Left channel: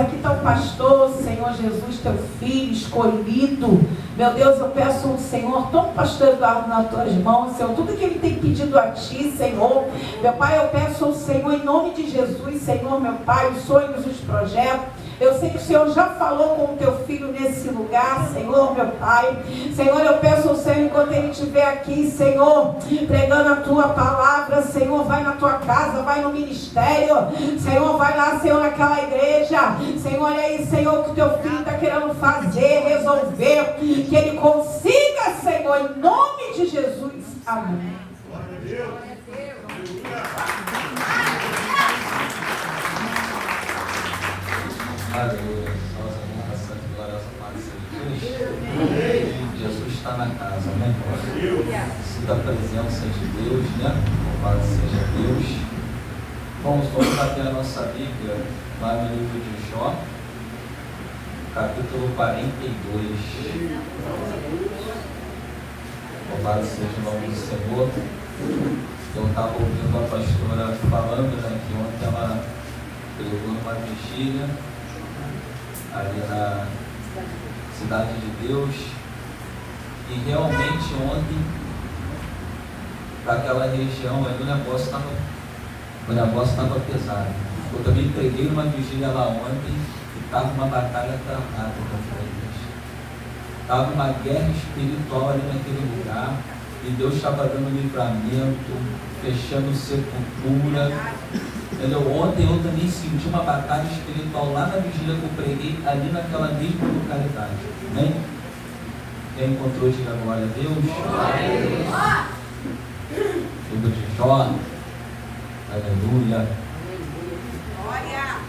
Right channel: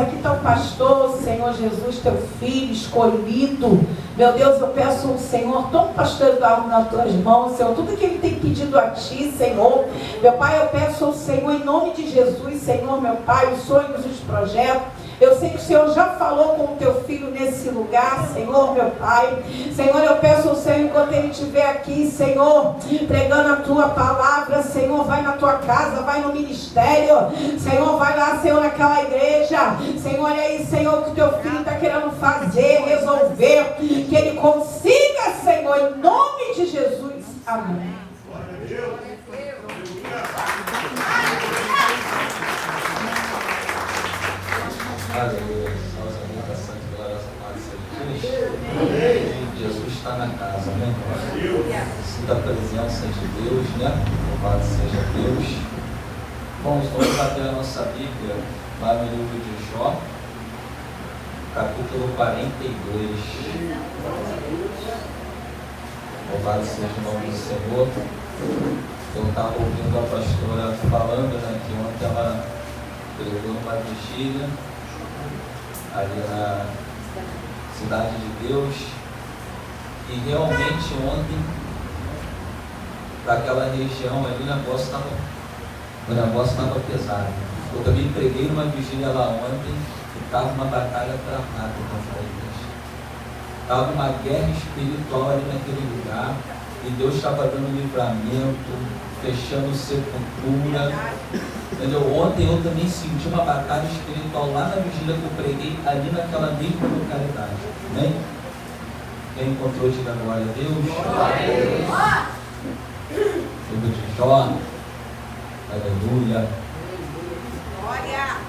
aqui está o pastor, Senhor Jesus, teu filho escolhido. Meu Deus, eu peço ao Senhor, toma o pastor Eduardo nas tuas mãos, Senhor, tudo que ele tem pedido a ti, Senhor. Meu Pai, eu peço ao Senhor, em nome de Jesus, Senhor, meu Pai, os sonhos, os projetos. Eu sei que o Senhor já falou com o teu filho nesse lugar, Senhor, meu Pai. Senhor, eu peço ao Senhor, enquanto ele estiver aqui, Senhor, pregando a tua palavra, Senhor, vai na tua casa, vai no ministério, Senhor, vai lá, Senhor, naquela igreja, Senhor, é aí, Senhor, que o teu filho está querendo fazer, resolver, que ele consiga, Senhor, em nome de Jesus. Amém. Aleluia. Nossa alimentação de glória a Deus. Jesus está na casa, amém? Sinta a presença de Deus, né? Louvado seja Deus. Vamos abrir a nossa Bíblia lá no livro de Jó, capítulo 42. Louvado seja o nome do Senhor. Eu estava ouvindo a pastora falando, né, que ontem ela pregou uma vigília ali na Cidade de Deus, e realmente ontem, daquela região ali, o negócio estava pesado. Eu também preguei uma vigília lá ontem, e estava uma batalha travada contra a igreja. Estava uma guerra espiritual ali naquele lugar, e Deus estava dando livramento, fechando sepultura. Ontem eu também senti uma batalha espiritual lá na vigília que eu preguei, ali naquela mesma localidade, né? Quem encontrou, diga glória a Deus. Livro de Jó, aleluia.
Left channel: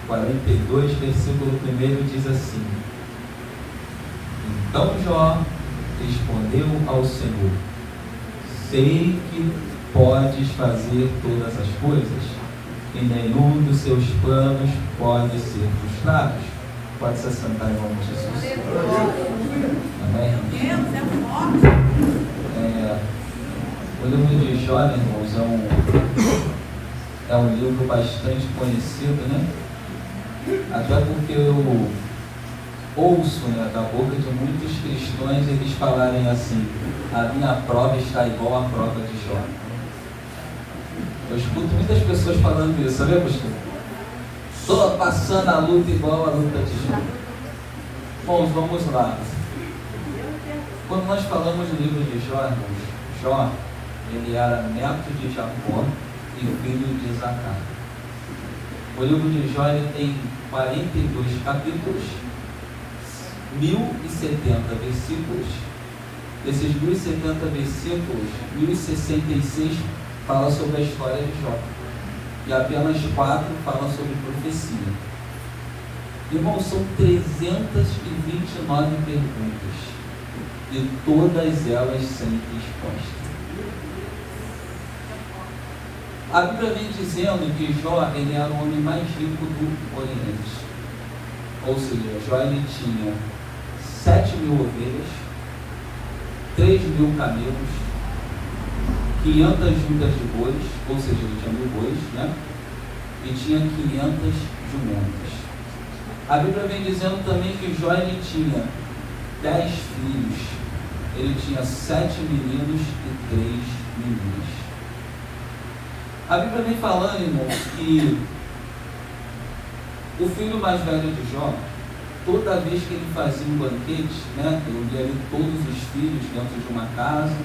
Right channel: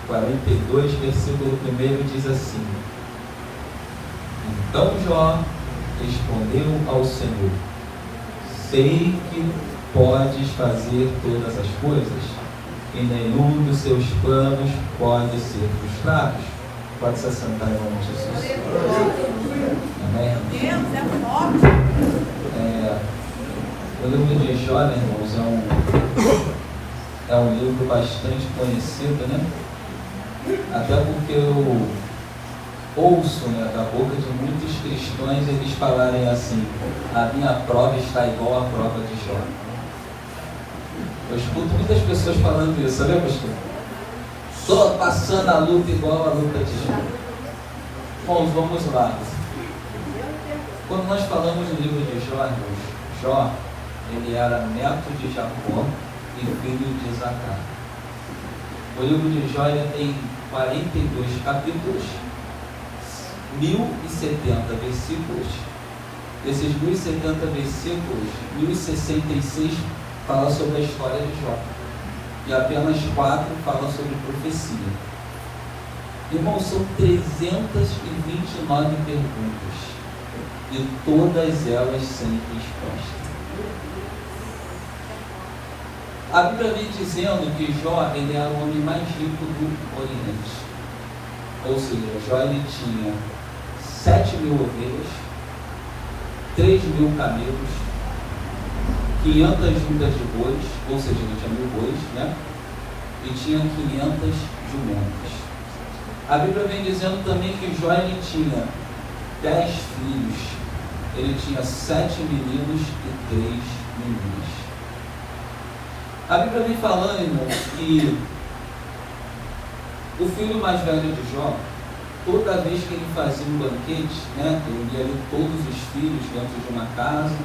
42, versículo 1 diz assim: Então Jó respondeu ao Senhor: Sei que podes fazer todas as coisas, e nenhum dos seus planos pode ser frustrado. Pode se assentar em nome de Jesus. Amém? Deus é forte. O livro de Jó, né, irmãos, é um livro bastante conhecido, né? Até porque eu ouço, né, da boca de muitos cristãos eles falarem assim: a minha prova está igual à prova de Jó. Eu escuto muitas pessoas falando isso, sabe, pastor? Estou passando a luta igual a luta de Jó. Bom, vamos lá. Quando nós falamos do livro de Jó, Jó, ele era neto de Jacó e filho de Isacar. O livro de Jó tem 42 capítulos, 1070 versículos. Desses 1070 versículos, 1066 fala sobre a história de Jó, e apenas 4 falam sobre profecia. Irmão, são 329 perguntas, e todas elas sem resposta. A Bíblia vem dizendo que Jó ele era o homem mais rico do Oriente. Ou seja, Jó ele tinha 7.000 ovelhas, 3.000 camelos, 500 juntas de bois, ou seja, ele tinha 1.000 bois, né? E tinha 500 jumentas. A Bíblia vem dizendo também que Jó ele tinha 10 filhos. Ele tinha 7 meninos e 3 meninas. A Bíblia vem falando, irmão, que o filho mais velho de Jó, toda vez que ele fazia um banquete, né, ele via ali todos os filhos dentro de uma casa,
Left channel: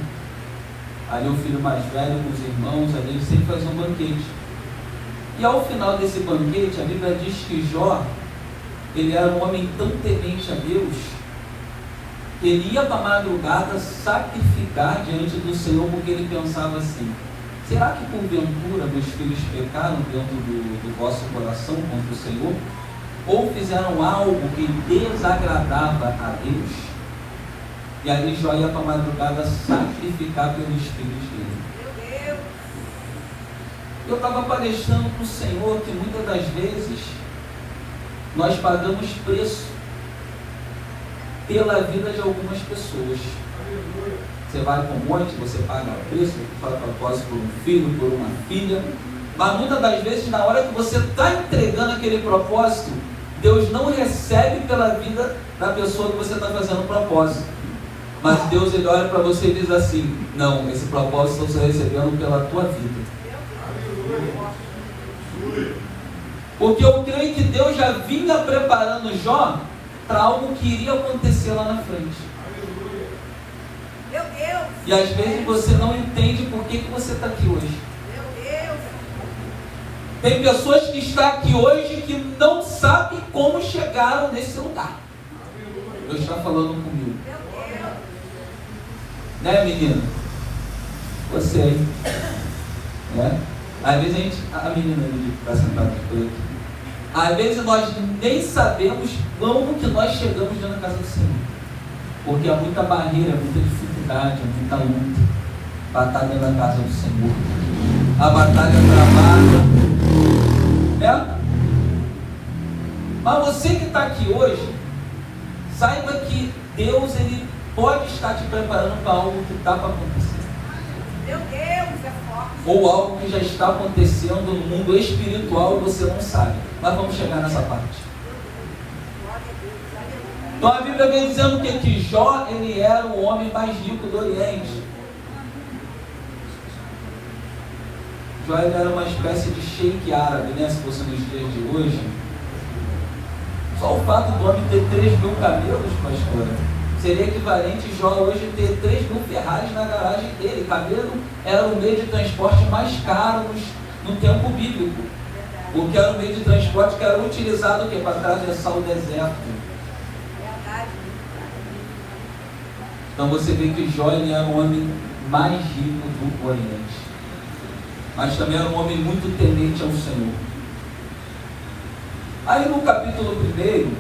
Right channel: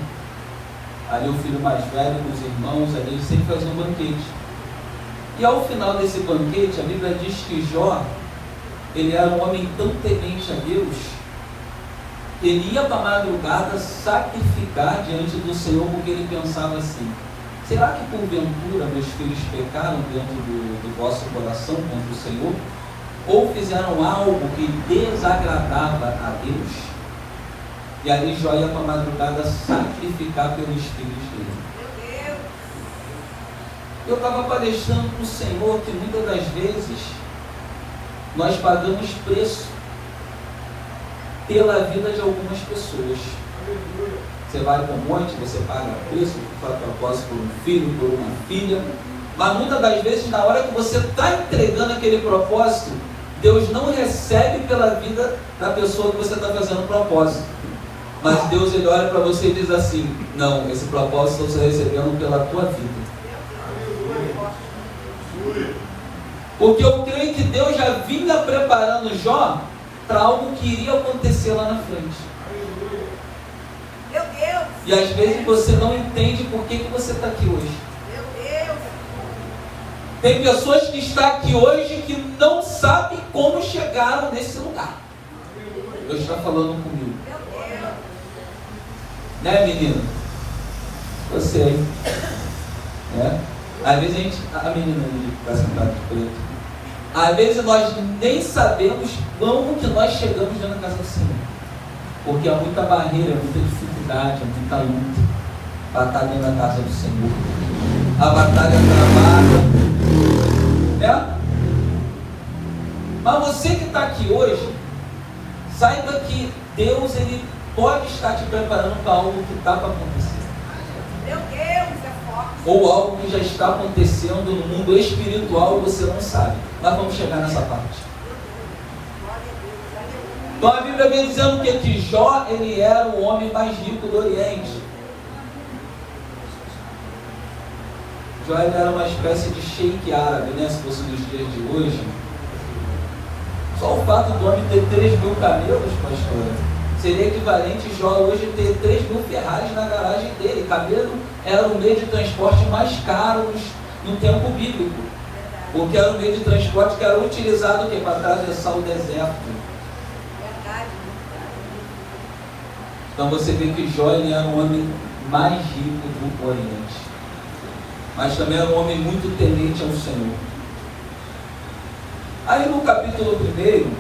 ali o filho mais velho com os irmãos, ali ele sempre fazia um banquete. E ao final desse banquete, a Bíblia diz que Jó, ele era um homem tão temente a Deus, que ele ia para a madrugada sacrificar diante do Senhor, porque ele pensava assim: será que porventura meus filhos pecaram dentro do vosso coração contra o Senhor? Ou fizeram algo que desagradava a Deus? E aí Jó ia para a madrugada sacrificar pelos filhos dele. Eu estava palestrando com o Senhor que muitas das vezes nós pagamos preço pela vida de algumas pessoas. Você vai para um monte, você paga preço, faz propósito por um filho, por uma filha, mas muitas das vezes na hora que você está entregando aquele propósito, Deus não recebe pela vida da pessoa que você está fazendo um propósito. Mas Deus, ele olha para você e diz assim: não, esse propósito você está recebendo pela tua vida. Porque eu creio que Deus já vinha preparando Jó para algo que iria acontecer lá na frente. Meu Deus! E às vezes você não entende por que você está aqui hoje. Meu Deus! Tem pessoas que estão aqui hoje que não sabem como chegaram nesse lugar. Deus está falando comigo. Meu Deus! Né, menina? Você aí. Né? Às vezes a gente. A menina ali que está sentada aqui por aqui. Às vezes nós nem sabemos como que nós chegamos dentro da casa do Senhor. Porque há muita barreira, muita dificuldade, muita luta. Batalha na casa do Senhor. A batalha travada. Né? Mas você que está aqui hoje, saiba que Deus, ele pode estar te preparando para algo que está para acontecer. Meu Deus, é forte. Ou algo que já está acontecendo no mundo espiritual e você não sabe. Mas vamos chegar nessa parte. Então a Bíblia vem dizendo que Jó, ele era o homem mais rico do Oriente. Jó, ele era uma espécie de sheik árabe, né? Se fosse nos dias de hoje. Só o fato do homem ter 3.000 camelos, pastor, seria equivalente Jó hoje ter 3.000 Ferraris na garagem dele. Camelo era o meio de transporte mais caro no tempo bíblico. Porque era um meio de transporte que era utilizado para atravessar o deserto. Então você vê que Jó, ele era o homem mais rico do Oriente. Mas também era um homem muito temente ao Senhor. Aí no capítulo 1,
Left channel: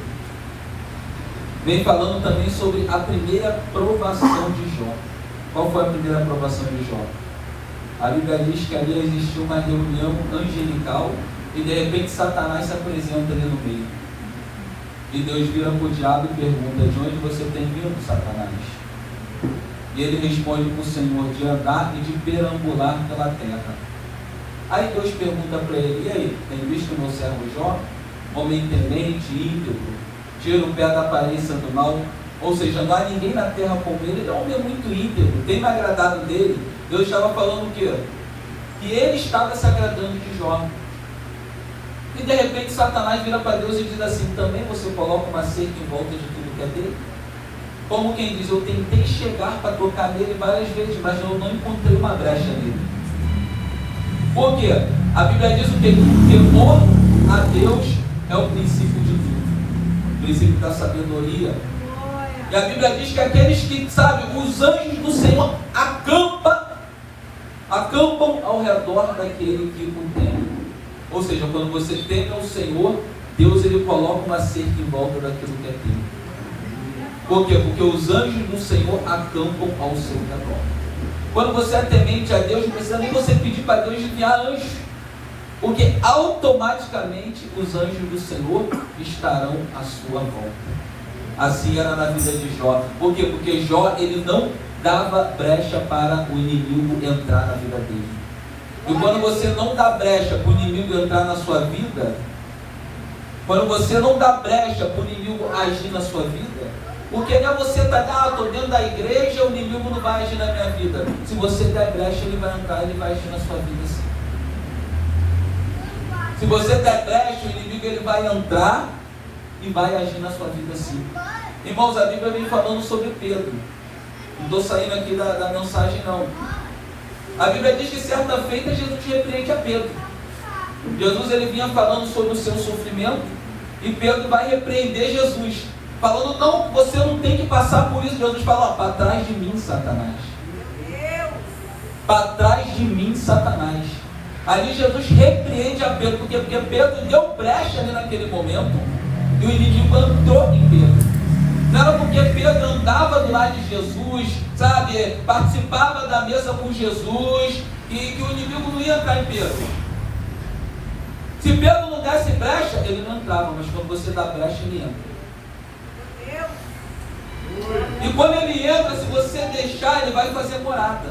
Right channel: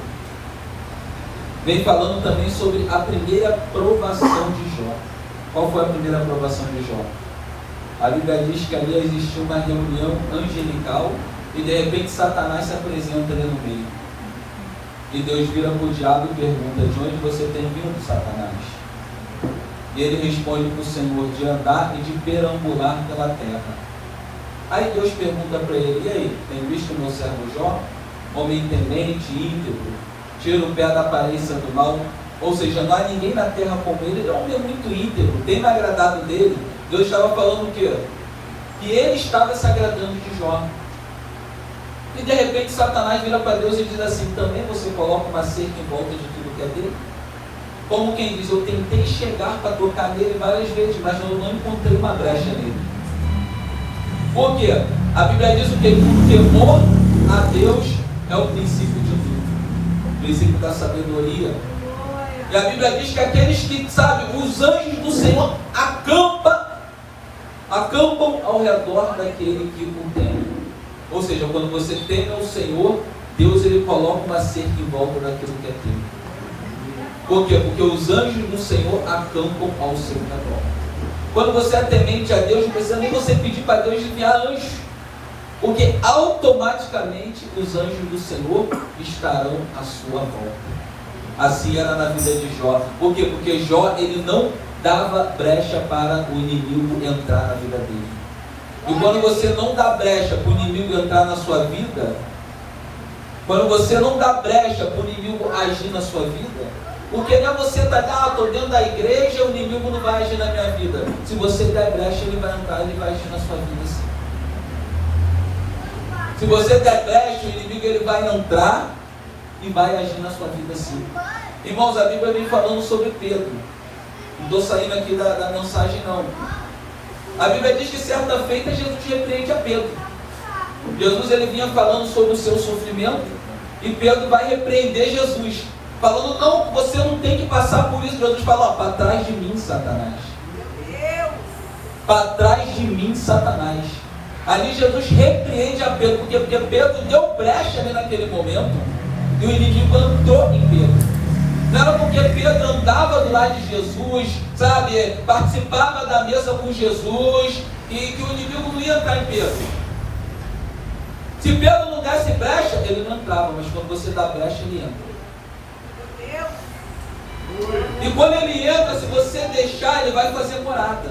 vem falando também sobre a primeira provação de Jó. Qual foi a primeira provação de Jó? A Bíblia diz que ali existiu uma reunião angelical e de repente Satanás se apresenta ali no meio. E Deus vira para o diabo e pergunta: de onde você tem vindo, Satanás? E ele responde para o Senhor: de andar e de perambular pela terra. Aí Deus pergunta para ele: e aí, tem visto o meu servo Jó? Homem temente, íntegro, tira o pé da aparência do mal. Ou seja, não há ninguém na terra como ele. Ele é um homem muito íntegro, tem me agradado dele. Deus estava falando o quê? Que ele estava se agradando de Jó. E de repente Satanás vira para Deus e diz assim: também você coloca uma cerca em volta de tudo que é dele? Como quem diz: eu tentei chegar para tocar nele várias vezes, mas eu não encontrei uma brecha nele. Por quê? A Bíblia diz o quê? Que o temor a Deus é o princípio de vida, o princípio da sabedoria. E a Bíblia diz que aqueles que, sabe, os anjos do Senhor acampam ao redor daquele que o teme. Ou seja, quando você teme ao Senhor, Deus, ele coloca uma cerca em volta daquilo que é teme. Por quê? Porque os anjos do Senhor acampam ao seu redor. Quando você é temente a Deus, não precisa nem você pedir para Deus enviar anjos, porque automaticamente os anjos do Senhor estarão à sua volta. Assim era na vida de Jó. Por quê? Porque Jó, ele não dava brecha para o inimigo entrar na vida dele. E quando você não dá brecha para o inimigo entrar na sua vida, quando você não dá brecha para o inimigo agir na sua vida, porque não é você estar, estou dentro da igreja, o inimigo não vai agir na minha vida. Se você der brecha, ele vai entrar, ele vai agir na sua vida sim. Se você der brecha, o inimigo ele vai entrar e vai agir na sua vida sim. Irmãos, a Bíblia vem falando sobre Pedro. Não estou saindo aqui da mensagem não. A Bíblia diz que certa feita Jesus repreende a Pedro. Jesus ele vinha falando sobre o seu sofrimento e Pedro vai repreender Jesus, falando: não, você não tem que passar por isso. Jesus fala: para trás de mim, Satanás. Meu Deus! Para trás de mim, Satanás. Ali Jesus repreende a Pedro, porque Pedro deu brecha ali naquele momento e o inimigo entrou em Pedro. Não era porque Pedro andava do lado de Jesus, sabe, participava da mesa com Jesus, e que o inimigo não ia entrar em Pedro. Se Pedro não desse brecha, ele não entrava, mas quando você dá brecha, ele entra. E quando ele entra, se você deixar, ele vai fazer morada.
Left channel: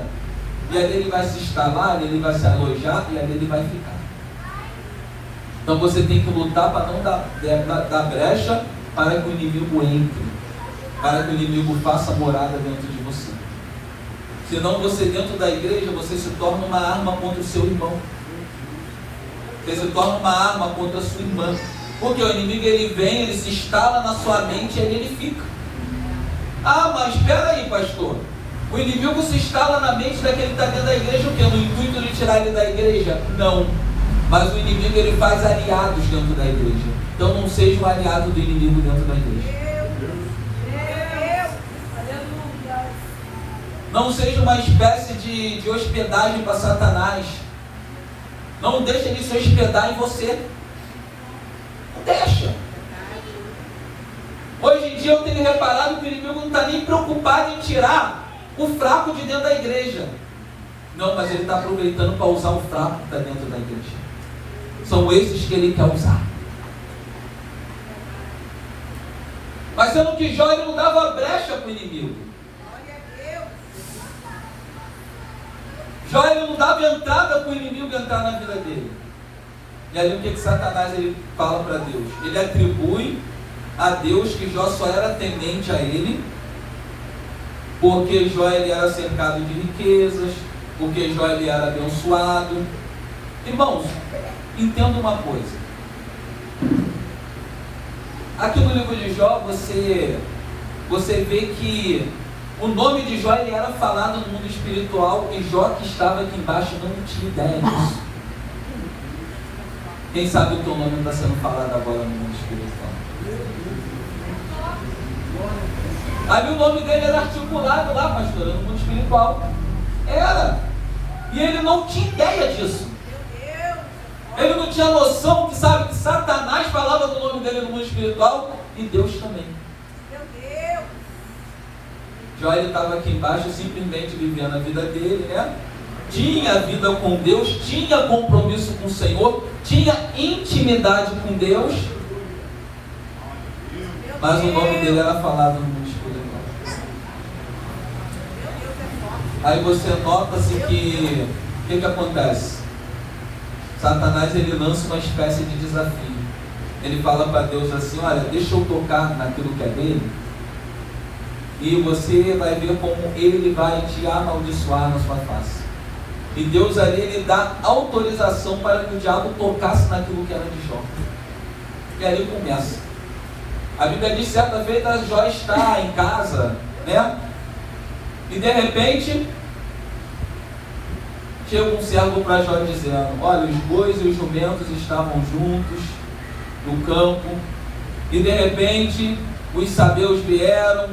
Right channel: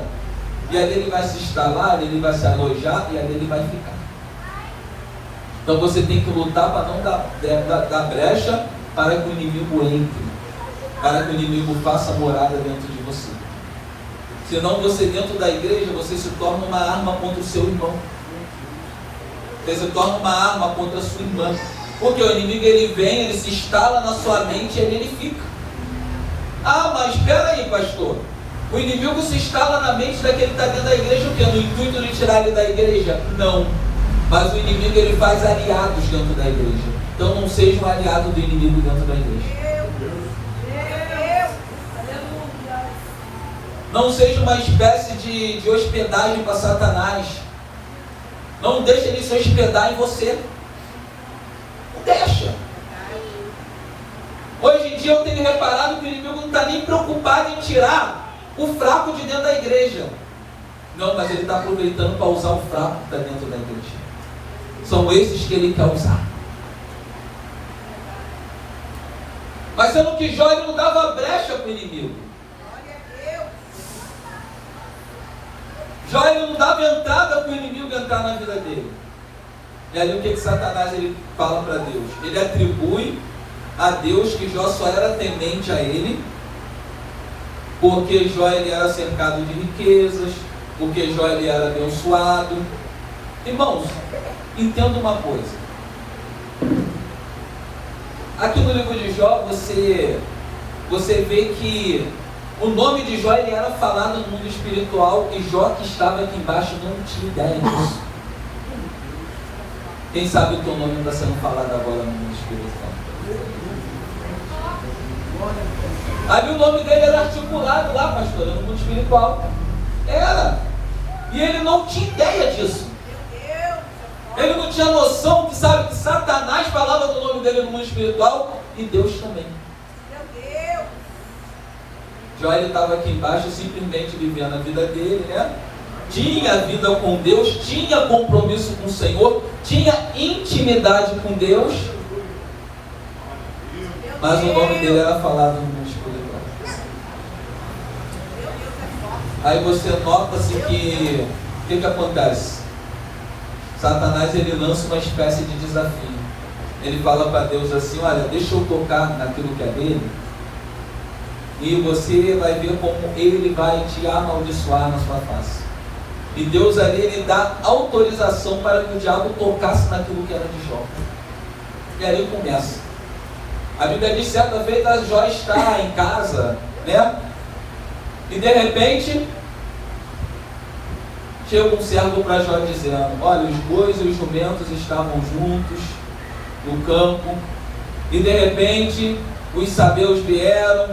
E ali ele vai se instalar, ele vai se alojar, e ali ele vai ficar. Então você tem que lutar para não dar brecha para que o inimigo entre, para que o inimigo faça morada dentro de você. Senão você dentro da igreja, você se torna uma arma contra o seu irmão. Você se torna uma arma contra a sua irmã. Porque o inimigo ele vem, ele se instala na sua mente e ele fica. Ah, mas espera aí, pastor. O inimigo se instala na mente daquele que está dentro da igreja, o quê? No intuito de tirar ele da igreja? Não. Mas o inimigo ele faz aliados dentro da igreja. Então não seja um aliado do inimigo dentro da igreja. Não seja uma espécie de hospedagem para Satanás. Não deixe ele se hospedar em você. Não deixa. Hoje em dia eu tenho reparado que o inimigo não está nem preocupado em tirar o fraco de dentro da igreja. Não, mas ele está aproveitando para usar o fraco que está dentro da igreja. São esses que ele quer usar. Mas sendo que Jó ele não dava brecha para o inimigo. Jó ele não dava entrada para o inimigo entrar na vida dele. E aí o que Satanás ele fala para Deus? Ele atribui a Deus que Jó só era temente a ele, porque Jó ele era cercado de riquezas, porque Jó ele era abençoado. Irmãos, entenda uma coisa. Aqui no livro de Jó, você vê que o nome de Jó ele era falado no mundo espiritual e Jó que estava aqui embaixo não tinha ideia disso. Quem sabe o teu nome está sendo falado agora no mundo espiritual? Aí o nome dele era articulado lá, pastor, no mundo espiritual. Era. E ele não tinha ideia disso. Ele não tinha noção que, sabe, que Satanás falava do nome dele no mundo espiritual e Deus também. Jó ele estava aqui embaixo simplesmente vivendo a vida dele, né? Tinha vida com Deus, tinha compromisso com o Senhor, tinha intimidade com Deus, mas o nome dele era falado no mundo espiritual. Aí você nota-se que o que acontece? Satanás ele lança uma espécie de desafio. Ele fala para Deus assim: olha, deixa eu tocar naquilo que é dele, e você vai ver como ele vai te amaldiçoar na sua face. E Deus ali, ele dá autorização para que o diabo tocasse naquilo que era de Jó. E aí começa. A Bíblia diz, certa vez, a Jó está em casa, né? E de repente, chega um servo para Jó dizendo: olha, os bois e os jumentos estavam juntos no campo, e de repente, os sabeus vieram,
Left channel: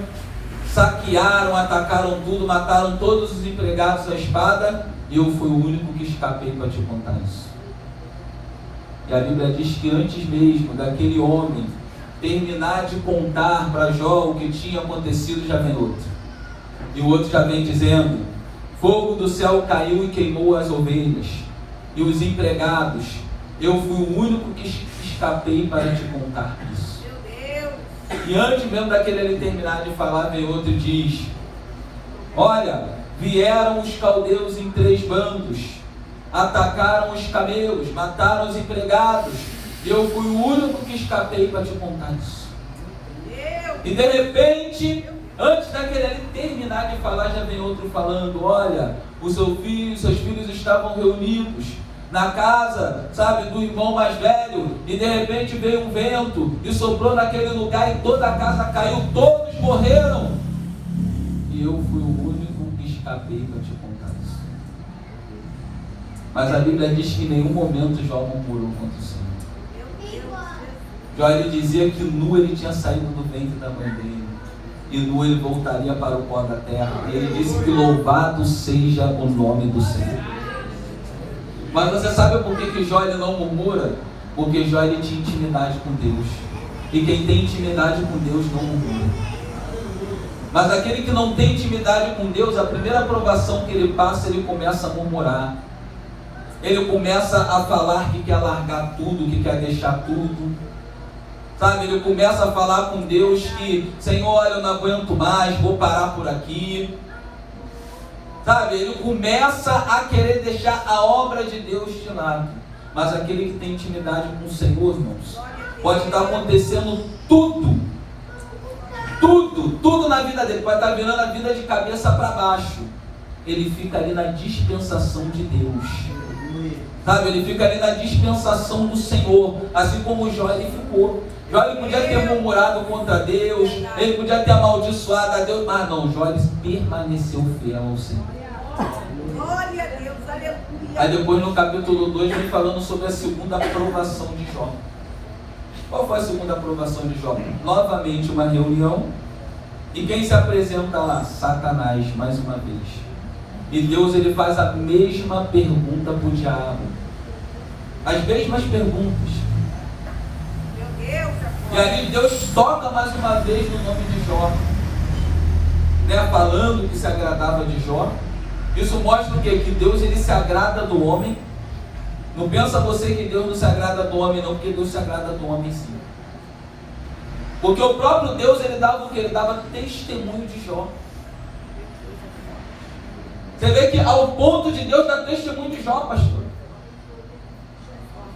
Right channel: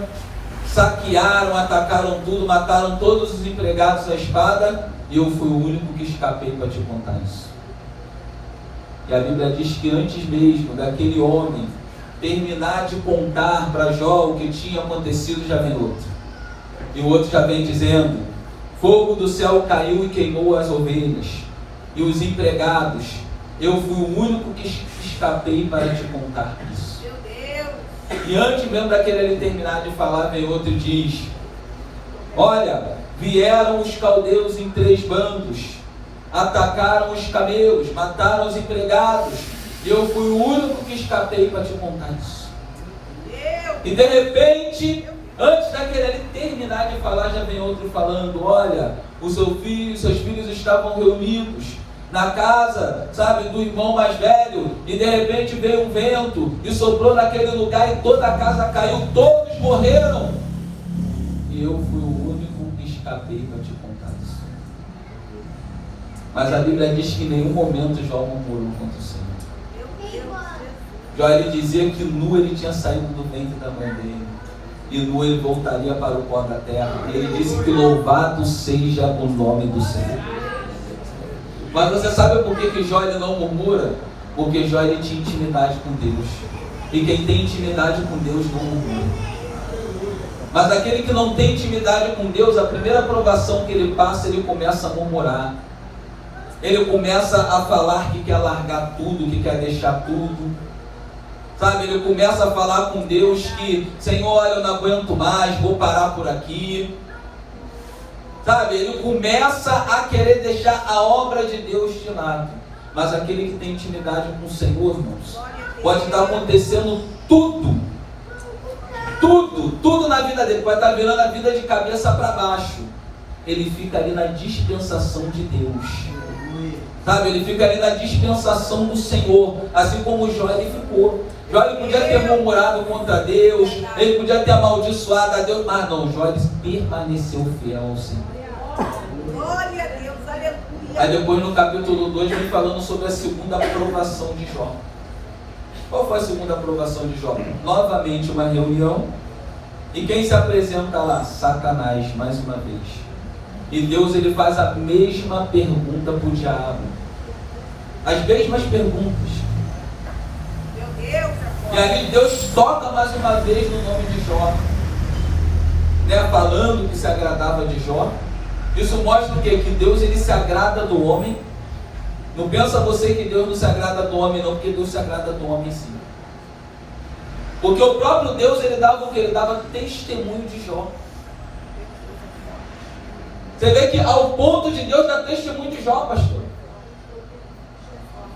saquearam, atacaram tudo, mataram todos os empregados à espada, e eu fui o único que escapei para te contar isso. E a Bíblia diz que antes mesmo daquele homem terminar de contar para Jó o que tinha acontecido, já vem outro. E o outro já vem dizendo: fogo do céu caiu e queimou as ovelhas e os empregados. Eu fui o único que escapei para te contar isso. E antes mesmo daquele ele terminar de falar, vem outro e diz: olha, vieram os caldeus em 3 bandos, atacaram os camelos, mataram os empregados, e eu fui o único que escapei para te contar isso. E de repente, antes daquele ele terminar de falar, já vem outro falando: olha, seus filhos estavam reunidos na casa, sabe, do irmão mais velho, e de repente veio um vento e soprou naquele lugar e toda a casa caiu, todos morreram, e eu fui o único que escapei para te contar isso. Mas a Bíblia diz que em nenhum momento Jó murmurou contra o Senhor. Jó ele dizia que nu ele tinha saído do ventre da mãe dele, e nu ele voltaria para o pó da terra. Ele disse que louvado seja o nome do Senhor. Mas você sabe por que Jó ele não murmura? Porque Jó ele tinha intimidade com Deus. E quem tem intimidade com Deus não murmura. Mas aquele que não tem intimidade com Deus, a primeira provação que ele passa, ele começa a murmurar. Ele começa a falar que quer largar tudo, que quer deixar tudo. Sabe, ele começa a falar com Deus que: Senhor, olha, eu não aguento mais, vou parar por aqui. Sabe, ele começa a querer deixar a obra de Deus de lado. Mas aquele que tem intimidade com o Senhor, irmãos, pode estar acontecendo tudo na vida dele, pode estar virando a vida de cabeça para baixo. Ele fica ali na dispensação de Deus, sabe? Ele fica ali na dispensação do Senhor, assim como Jó ele ficou. Jó ele podia ter murmurado contra Deus, ele podia ter amaldiçoado a Deus, mas não, Jó ele permaneceu fiel ao Senhor. Glória a Deus, aleluia. Aí depois no capítulo 2 vem falando sobre a segunda aprovação de Jó. Qual foi a segunda aprovação de Jó? Novamente uma reunião, e quem se apresenta lá? Satanás, mais uma vez. E Deus ele faz a mesma pergunta para o diabo, as mesmas perguntas. Meu Deus, E aí Deus toca mais uma vez no nome de Jó, né? Falando que se agradava de Jó. Isso mostra o quê? Que Deus ele se agrada do homem. Não pensa você que Deus não se agrada do homem não, porque Deus se agrada do homem sim. Porque o próprio Deus ele dava o que? Ele dava testemunho de Jó. Você vê que ao ponto de Deus dar testemunho de Jó, pastor.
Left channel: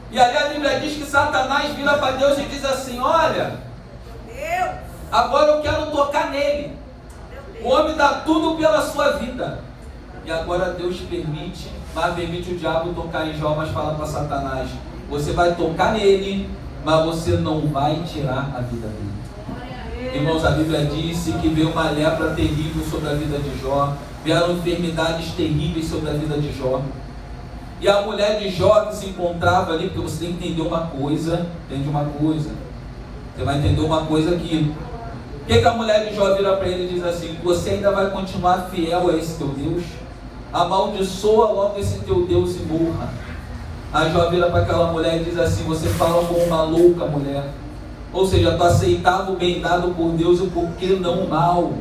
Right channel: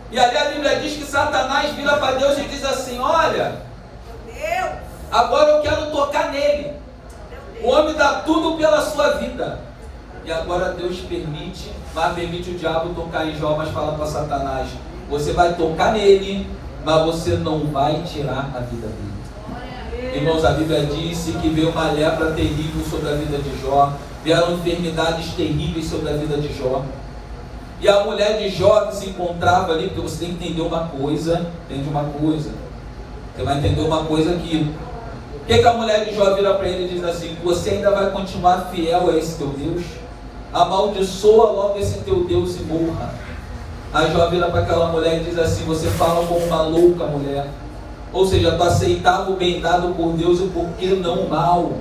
E ali a Bíblia diz que Satanás vira para Deus e diz assim: olha, Deus, agora eu quero tocar nele. O homem dá tudo pela sua vida. E agora Deus permite o diabo tocar em Jó, mas fala para Satanás: você vai tocar nele, mas você não vai tirar a vida dele. Irmãos, a Bíblia disse que veio uma lepra terrível sobre a vida de Jó, vieram enfermidades terríveis sobre a vida de Jó. E a mulher de Jó que se encontrava ali, porque você tem que entender uma coisa, entende uma coisa, você vai entender uma coisa aqui. O que a mulher de Jó vira para ele e diz assim: você ainda vai continuar fiel a esse teu Deus? Amaldiçoa logo esse teu Deus e morra. Aí Jó vira para aquela mulher e diz assim: você fala como uma louca mulher. Ou seja, tu aceitava o bem dado por Deus e por que não o mal.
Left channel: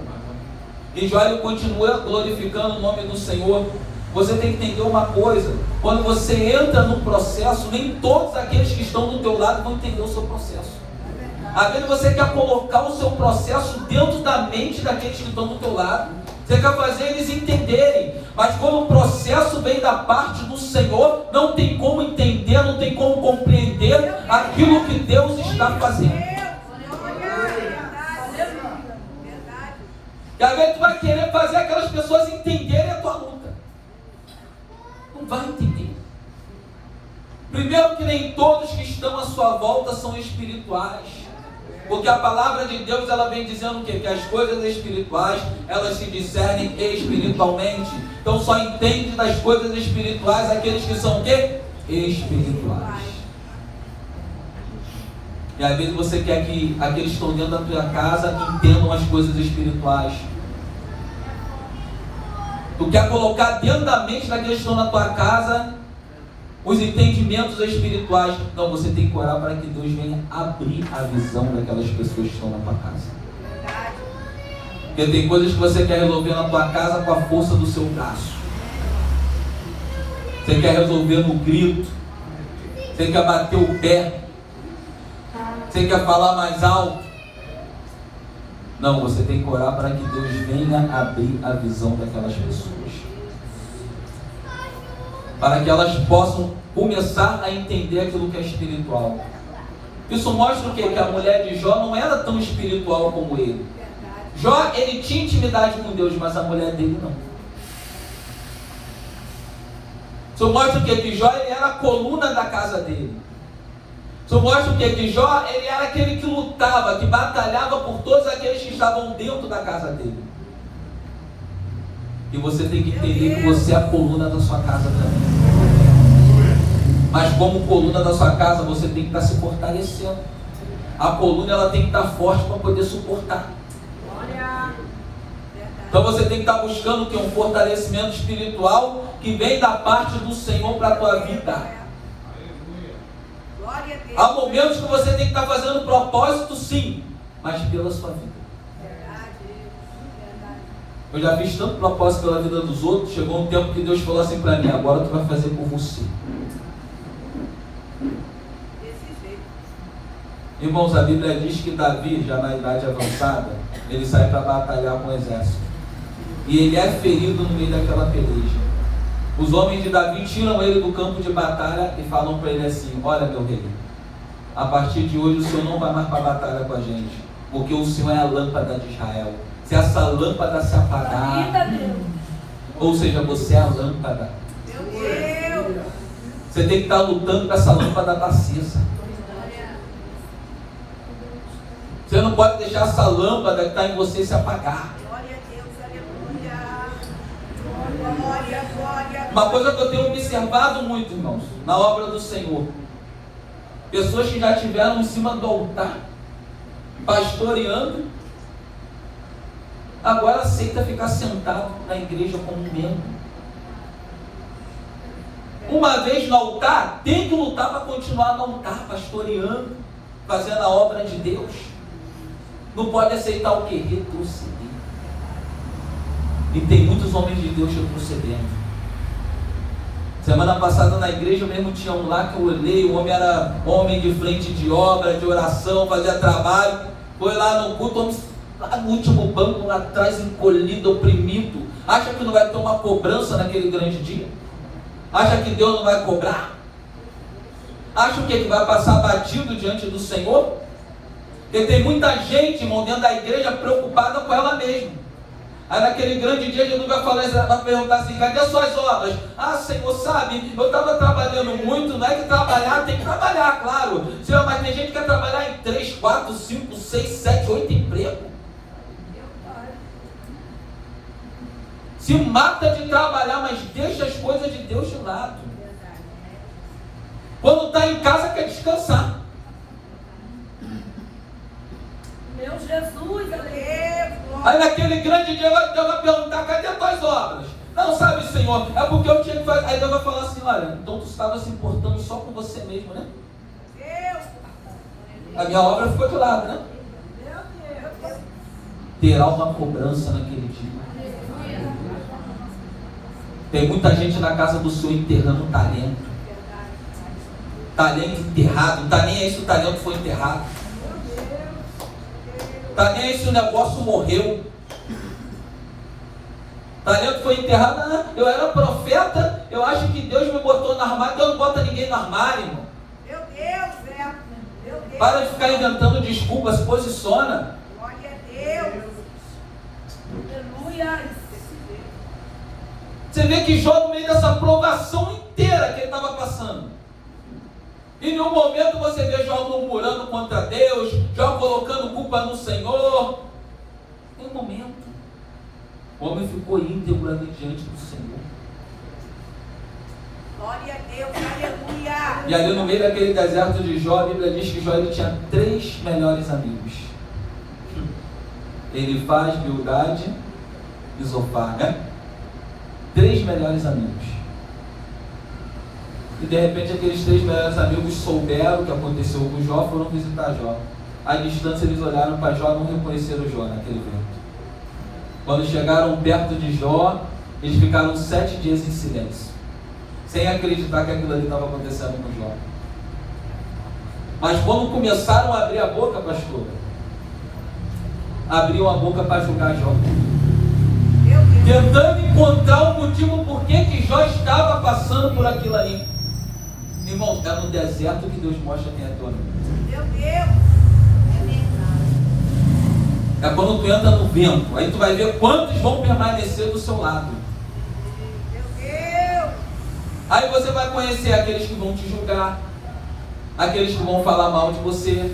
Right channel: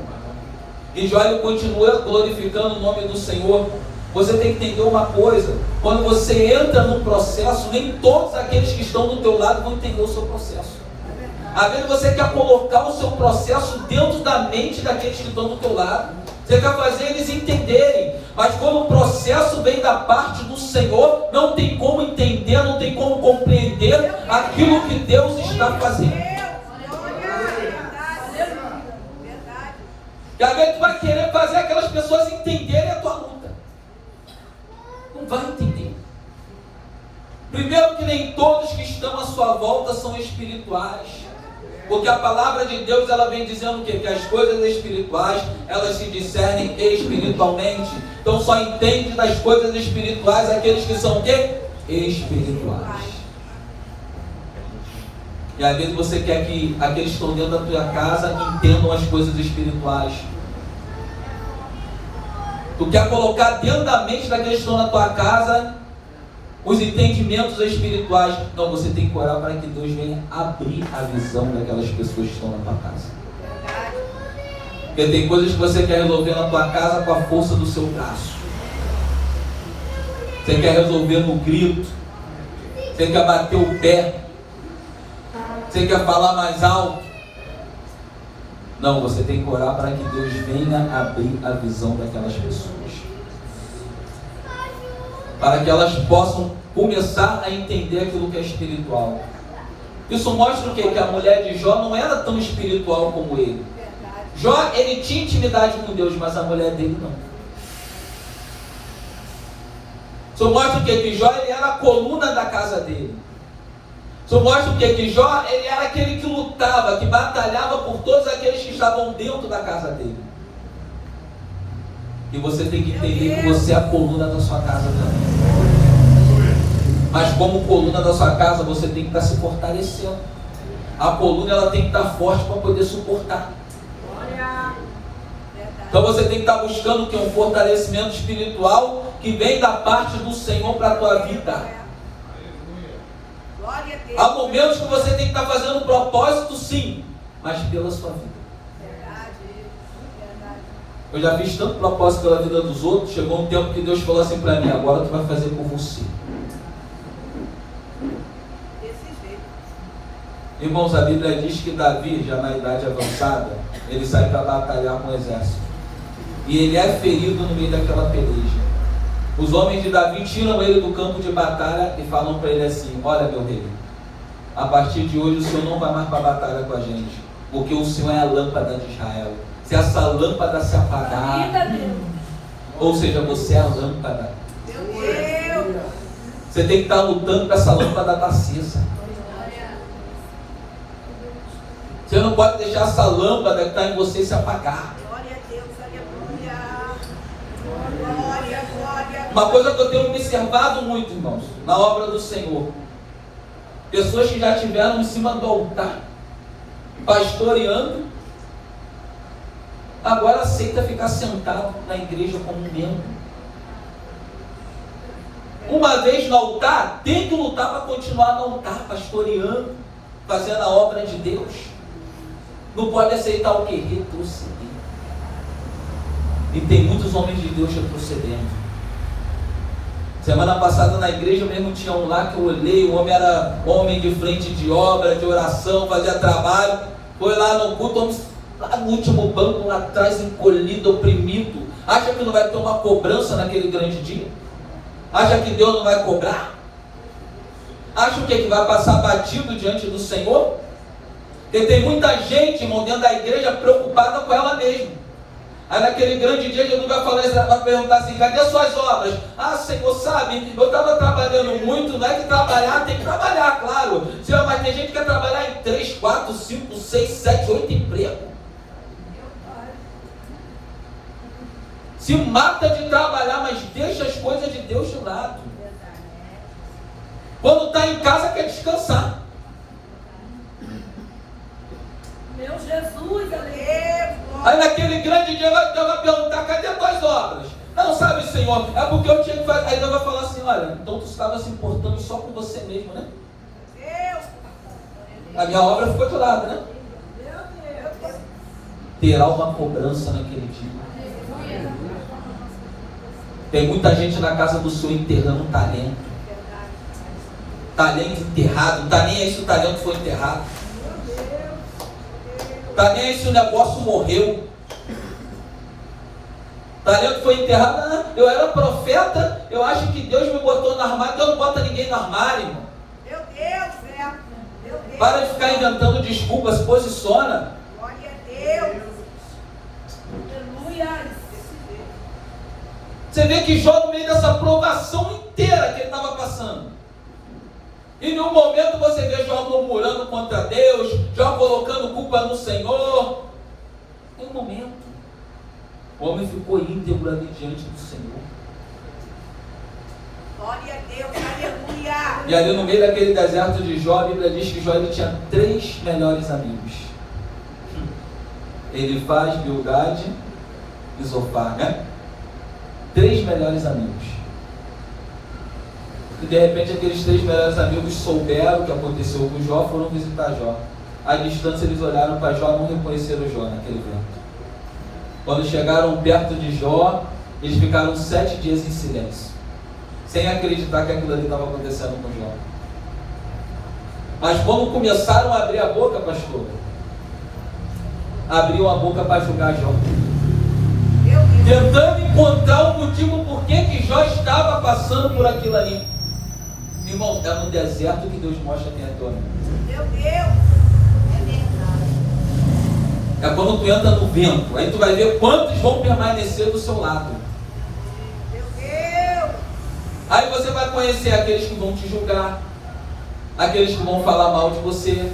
E Jó ele continua glorificando o nome do Senhor. Você tem que entender uma coisa: quando você entra num processo, nem todos aqueles que estão do teu lado vão entender o seu processo. Às vezes você quer colocar o seu processo dentro da mente daqueles que estão do teu lado. Você quer fazer eles entenderem. Mas quando o processo vem da parte do Senhor, não tem como entender, não tem como compreender aquilo que Deus está fazendo. E às vezes tu vai querer fazer aquelas pessoas entenderem a tua luta. Não vai entender. Primeiro que nem todos que estão à sua volta são espirituais. Porque a palavra de Deus ela vem dizendo o quê? Que as coisas espirituais elas se discernem espiritualmente. Então só entende das coisas espirituais aqueles que são o quê? Espirituais. E às vezes você quer que aqueles que estão dentro da tua casa entendam as coisas espirituais. Tu quer colocar dentro da mente daqueles que estão na tua casa os entendimentos espirituais. Não, você tem que orar para que Deus venha abrir a visão daquelas pessoas que estão na tua casa. Porque tem coisas que você quer resolver na tua casa com a força do seu braço. Você quer resolver no grito. Você quer bater o pé. Você quer falar mais alto. Não, você tem que orar para que Deus venha abrir a visão daquelas pessoas. Para que elas possam começar a entender aquilo que é espiritual. Isso mostra o quê? Que a mulher de Jó não era tão espiritual como ele. Jó, ele tinha intimidade com Deus, mas a mulher dele não. Isso mostra o quê? Que Jó ele era a coluna da casa dele. Isso mostra o quê? Que Jó ele era aquele que lutava, que batalhava por todos aqueles que estavam dentro da casa dele. E você tem que entender que você é a coluna da sua casa também. Mas como coluna da sua casa, você tem que estar se fortalecendo. A coluna ela tem que estar forte para poder suportar. Então você tem que estar buscando que um fortalecimento espiritual que vem da parte do Senhor para a tua vida. Há momentos que você tem que estar fazendo propósito sim, mas pela sua vida. Eu já fiz tanto propósito pela vida dos outros, chegou um tempo que Deus falou assim para mim: agora tu vai fazer por você. Irmãos, a Bíblia diz que Davi, já na idade avançada, ele sai para batalhar com o exército. E ele é ferido no meio daquela peleja. Os homens de Davi tiram ele do campo de batalha e falam para ele assim: olha, meu rei, a partir de hoje o senhor não vai mais para a batalha com a gente, porque o senhor é a lâmpada de Israel. Se essa lâmpada se apagar, ou seja, você é a lâmpada. Meu Deus. Você tem que estar lutando para essa lâmpada estar acesa. Você não pode deixar essa lâmpada que está em você se apagar. Glória a Deus, aleluia. Glória, glória. Uma coisa que eu tenho observado muito, irmãos, na obra do Senhor: pessoas que já estiveram em cima do altar, pastoreando, agora aceita ficar sentado na igreja como membro. Uma vez no altar, tem que lutar para continuar no altar, pastoreando, fazendo a obra de Deus. Não pode aceitar o que? Retroceder. E tem muitos homens de Deus retrocedendo. Semana passada na igreja mesmo tinha um lá que eu olhei, o homem era homem de frente de obra, de oração, fazia trabalho, foi lá no culto, lá no último banco, lá atrás, encolhido, oprimido. Acha que não vai ter uma cobrança naquele grande dia? Acha que Deus não vai cobrar? Acha o que? Que vai passar batido diante do Senhor? Porque tem muita gente, irmão, dentro da igreja preocupada com ela mesma. Aí naquele grande dia Jesus vai falar, vai perguntar assim: cadê suas obras? Ah, Senhor, sabe, eu estava trabalhando muito. Não é que trabalhar, tem que trabalhar, claro. Senhor, mas tem gente que quer trabalhar em 3, 4, 5, 6, 7, 8 empregos. Se mata de trabalhar, mas deixa as coisas de Deus de lado. Quando está em casa, quer descansar. Meu Jesus, aleluia. Aí naquele grande dia Deus vai perguntar: cadê as tuas obras? Não, sabe, Senhor, é porque eu tinha que fazer. Aí Deus vai falar assim: olha, então tu estava se importando só com você mesmo, né? Deus. A minha obra ficou de lado, né? Meu Deus. Terá uma cobrança naquele dia. Tem muita gente na casa do Senhor enterrando talento. Talento enterrado. Não está nem aí se o talento foi enterrado. Está nem aí se o negócio morreu. Talento foi enterrado. Ah, eu era profeta. Eu acho que Deus me botou no armário. Deus não bota ninguém no armário, irmão. Meu Deus, meu Deus. Para de ficar inventando desculpas. Se posiciona. Glória a Deus. Aleluia. Você vê que Jó, no meio dessa provação inteira que ele estava passando, e em um momento você vê Jó murmurando contra Deus, Jó colocando culpa no Senhor. Um momento, o homem ficou íntegro ali diante do Senhor. Glória a Deus, aleluia. E ali no meio daquele deserto de Jó, a Bíblia diz que Jó ele tinha 3 melhores amigos: Elifaz, Bildade e Zofar, né? 3 melhores amigos. E de repente aqueles 3 melhores amigos souberam o que aconteceu com Jó, foram visitar Jó. À distância eles olharam para Jó e não reconheceram Jó naquele vento. Quando chegaram perto de Jó, eles ficaram 7 dias em silêncio, sem acreditar que aquilo ali estava acontecendo com Jó. Mas quando começaram a abrir a boca, pastor, abriu a boca para julgar Jó, tentando encontrar o motivo por que Jó estava passando por aquilo ali. Irmãos, é no deserto que Deus mostra quem é dono. Meu Deus. É quando tu entra no vento, aí tu vai ver quantos vão permanecer do seu lado. Meu Deus. Aí você vai conhecer aqueles que vão te julgar, aqueles que vão falar mal de você,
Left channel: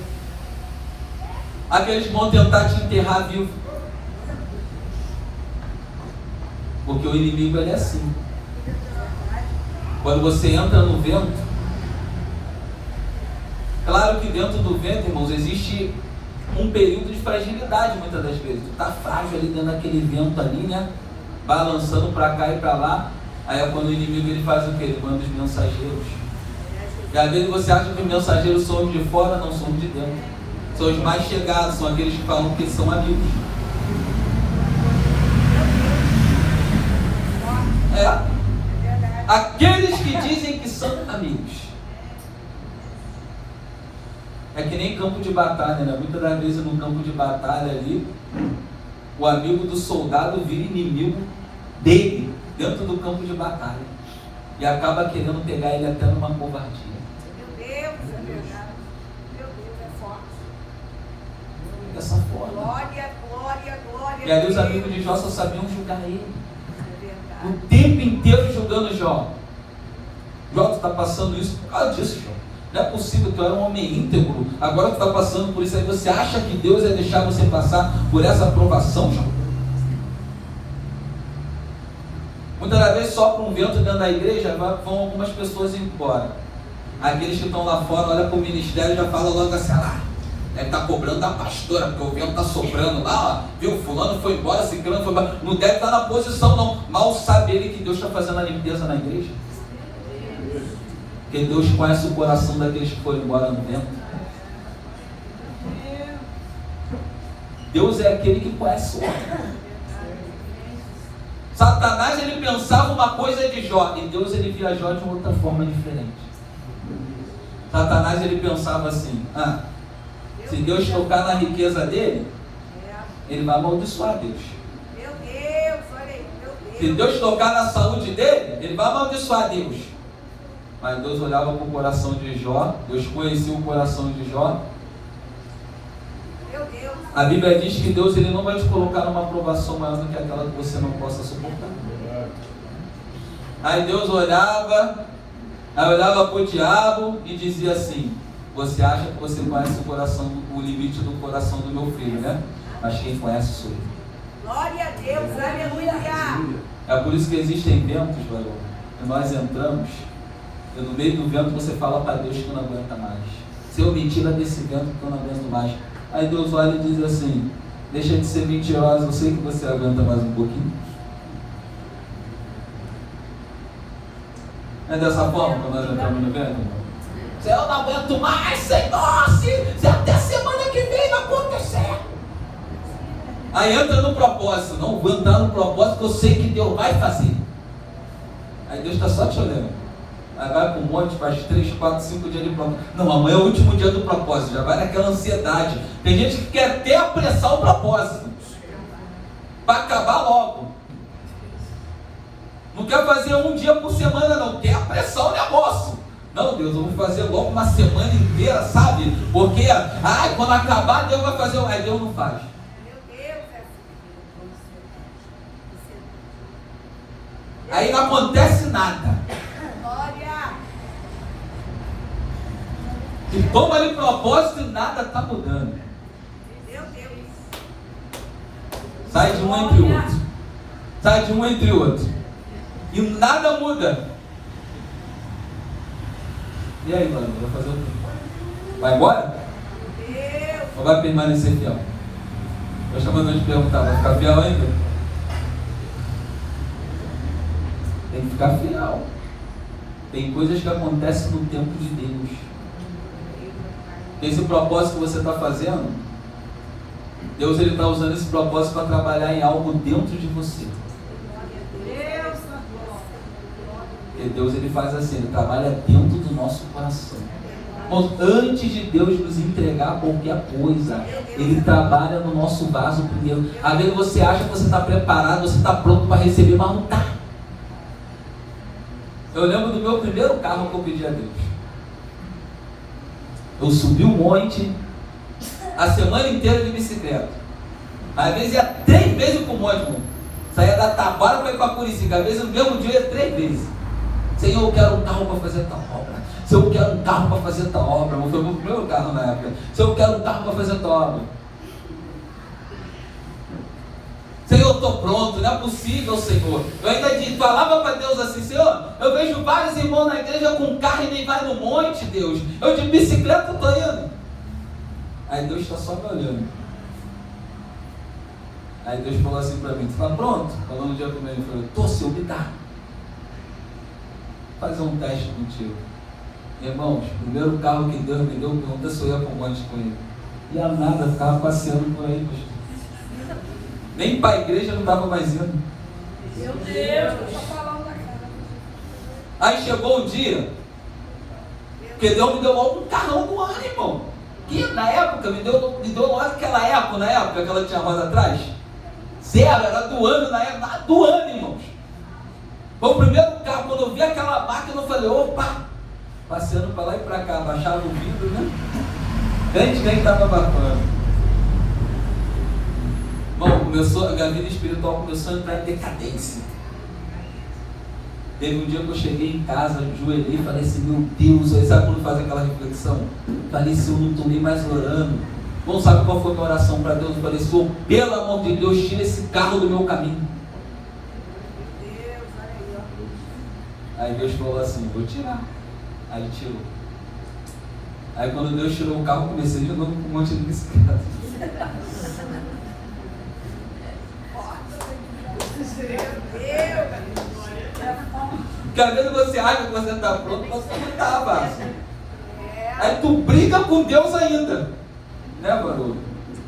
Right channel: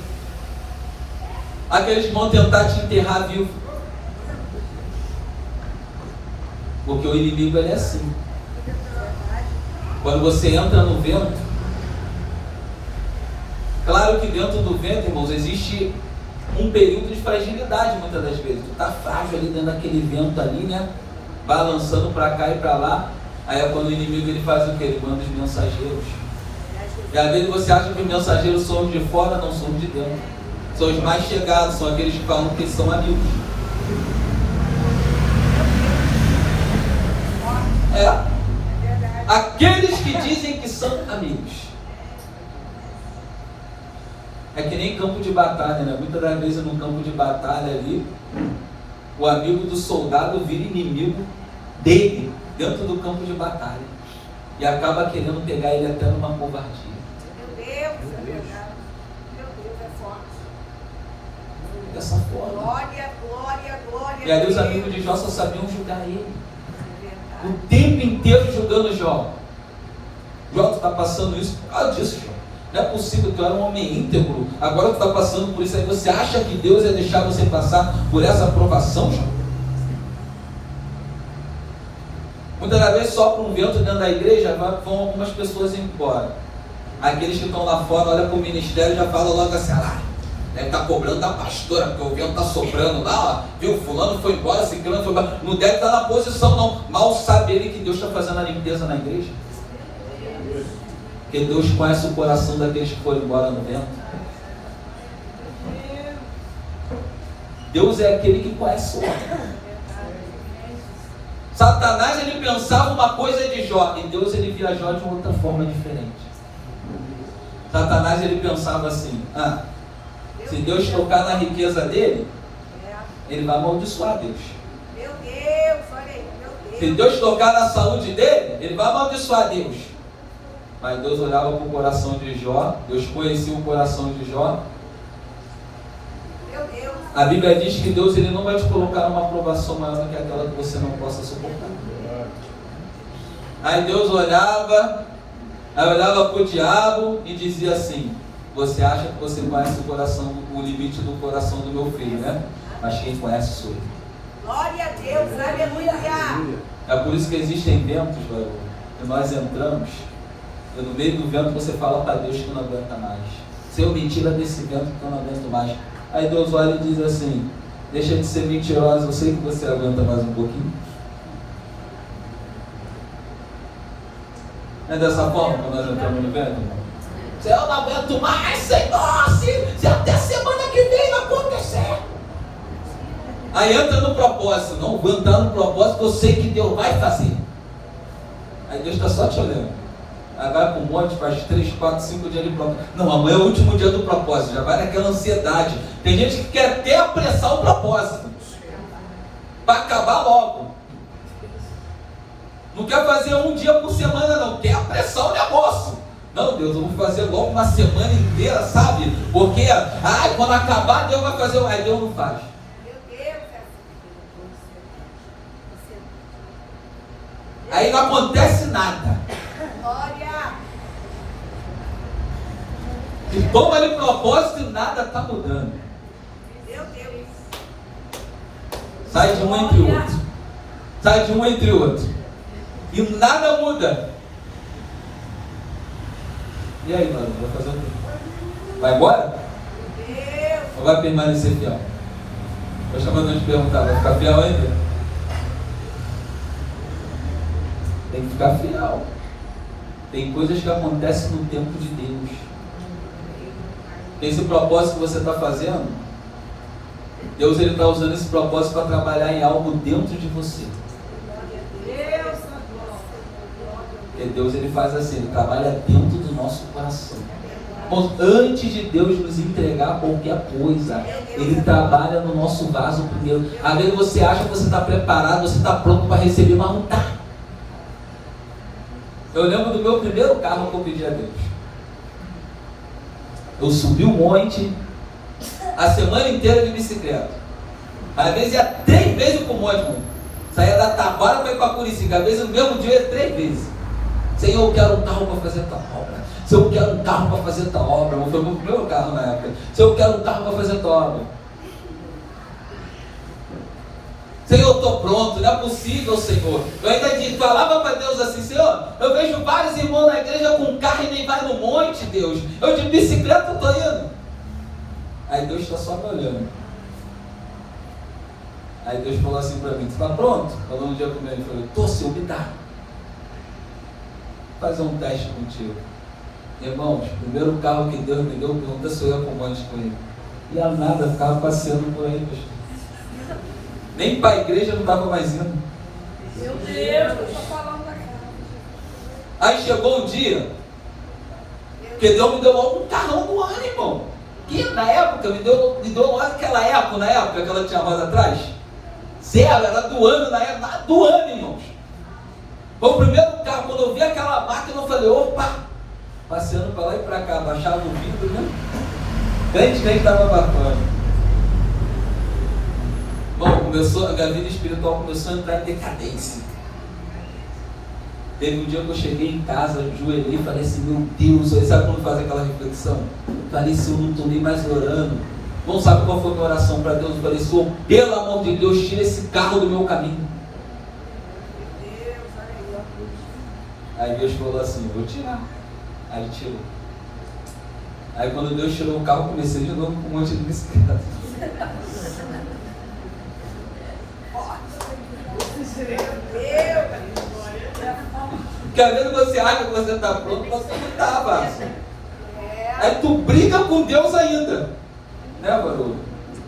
aqueles que vão tentar te enterrar vivo. Porque o inimigo ele é assim. Quando você entra no vento, claro que dentro do vento, irmãos, existe um período de fragilidade muitas das vezes. Tu está frágil ali dentro daquele vento ali, né? Balançando para cá e para lá. Aí é quando o inimigo ele faz o quê? Ele manda os mensageiros. E às vezes você acha que os mensageiros são os de fora, não são os de dentro. São os mais chegados, são aqueles que falam que são amigos. Aqueles que dizem que são amigos. É que nem campo de batalha, né? Muitas das vezes no campo de batalha ali, o amigo do soldado vira inimigo dele, dentro do campo de batalha. e acaba querendo pegar ele até numa covardia. Meu Deus, é verdade. Meu Deus, é forte. Dessa forma. Glória, glória, glória. E ali os a Deus. amigos de Jó só sabiam julgar ele. É verdade. O tempo inteiro julgando Jó. Jó, tu está passando isso por causa disso, Jó. Não é possível, tu era um homem íntegro. Agora tu está passando por isso aí. Você acha que Deus ia deixar você passar por essa aprovação, Jó? Muitas das vezes sopra um vento dentro da igreja, vão algumas pessoas embora. Aqueles que estão lá fora, olham para o ministério e já falam logo assim, deve estar cobrando da pastora, porque o vento está soprando lá, ó, viu, fulano foi embora, ciclano foi embora. Não deve estar na posição não. Mal sabe ele que Deus está fazendo a limpeza na igreja. Porque Deus conhece o coração daqueles que foram embora no vento. Deus é aquele que conhece o homem. Satanás, ele pensava uma coisa de Jó, e Deus, ele via Jó de uma outra forma diferente. Satanás, ele pensava assim, se Deus tocar na riqueza dele, ele vai amaldiçoar Deus. Meu Deus, olha aí, meu Deus. Se Deus tocar na saúde dele, ele vai amaldiçoar Deus. Mas Deus olhava para o coração de Jó, Deus conhecia o coração de Jó. Meu Deus. A Bíblia diz que Deus, ele não vai te colocar uma aprovação maior do que aquela que você não possa suportar. Aí Deus olhava para o diabo e dizia assim, você acha que você conhece o coração, o limite do coração do meu filho, né? Mas quem conhece sou eu. Glória a Deus, aleluia. É por isso que existem ventos, varão, que nós entramos, e no meio do vento você fala para Deus que não aguenta mais. Senhor, me tira desse vento que eu não aguento mais. Aí Deus olha e diz assim, deixa de ser mentiroso, eu sei que você aguenta mais um pouquinho. É dessa forma que nós entramos no vento? Senhor, eu não aguento mais, Senhor, se até semana que vem não acontecer. Aí entra no propósito, não vou entrar no propósito, eu sei que Deus vai fazer. Aí Deus está só te olhando. Aí vai para o monte, faz 3, 4, 5 dias de propósito. Não, amanhã é o último dia do propósito, já vai naquela ansiedade. Tem gente que quer até apressar o propósito, para acabar logo. Não quer fazer um dia por semana não, quer apressar o negócio. Não, Deus, eu vou fazer logo uma semana inteira, sabe? Porque, quando acabar, Deus vai fazer, aí Deus não faz. Meu Deus. Aí não acontece nada. Glória. E toma aí o propósito e nada está mudando. Meu Deus. Sai de um entre outro. Sai de um entre outro. E nada muda. E aí, mano, vai fazer o quê? Vai embora? Deus. Ou vai permanecer fiel? Eu chamando de perguntar, vai ficar fiel ainda? Tem que ficar fiel. Tem coisas que acontecem no tempo de Deus. Esse propósito que você está fazendo, Deus está usando esse propósito para trabalhar em algo dentro de você. Porque Deus ele faz assim, ele trabalha dentro do nosso coração. Antes de Deus nos entregar qualquer coisa, ele trabalha no nosso vaso primeiro. Às vezes você acha que você está preparado, você está pronto para receber, mas não está. Eu lembro do meu primeiro carro que eu pedi a Deus. Eu subi um monte, a semana inteira de bicicleta. Às vezes ia 3 vezes por monte, irmão. Saía da Tabara para ir para Curicica. Às vezes no mesmo dia 3 vezes. Senhor, eu quero um carro para fazer tal obra. Senhor, eu quero um carro para fazer tal obra. Não foi o meu primeiro carro na época. Senhor, eu quero um carro para fazer tal obra. Senhor, eu estou pronto, não é possível, Senhor. Eu ainda falava para Deus assim, Senhor, eu vejo vários irmãos na igreja com carro e nem vai no monte, Deus. Eu de bicicleta estou indo. Aí Deus está só me olhando. Aí Deus falou assim para mim, tu está pronto? Falou um dia primeiro, ele falou, estou, Senhor, me dá. Fazer um teste contigo. Irmãos, o primeiro carro que Deus me deu, pergunta se eu ia para o monte com ele. E a nada, ficava passeando por aí, pastor. Nem para a igreja não estava mais indo. Meu Deus. Aí chegou um dia, que Deus me deu logo um carrão do ano, irmão. Que na época, me deu logo aquela época, na época que ela tinha roda atrás. 0, era do ano, na época, do ano, irmãos. Foi o primeiro carro. Quando eu vi aquela máquina, eu falei, opa, passeando para lá e para cá, baixava o vidro, né? Nem estava para fora. Bom, a vida espiritual começou a entrar em decadência. Teve um dia que eu cheguei em casa, ajoelhei e falei assim, meu Deus, aí sabe quando faz aquela reflexão? Falei assim, eu não estou nem mais orando. Não sabe qual foi a minha oração para Deus? Eu falei, Senhor, pelo amor de Deus, tira esse carro do meu caminho. Aí Deus falou assim, eu vou tirar. Aí ele tirou. Aí quando Deus tirou o carro, eu comecei de novo com um monte de bicicleta. Porque às vezes você acha que você está pronto, você não está, Márcio. Aí tu briga com Deus ainda. Né, Barulho?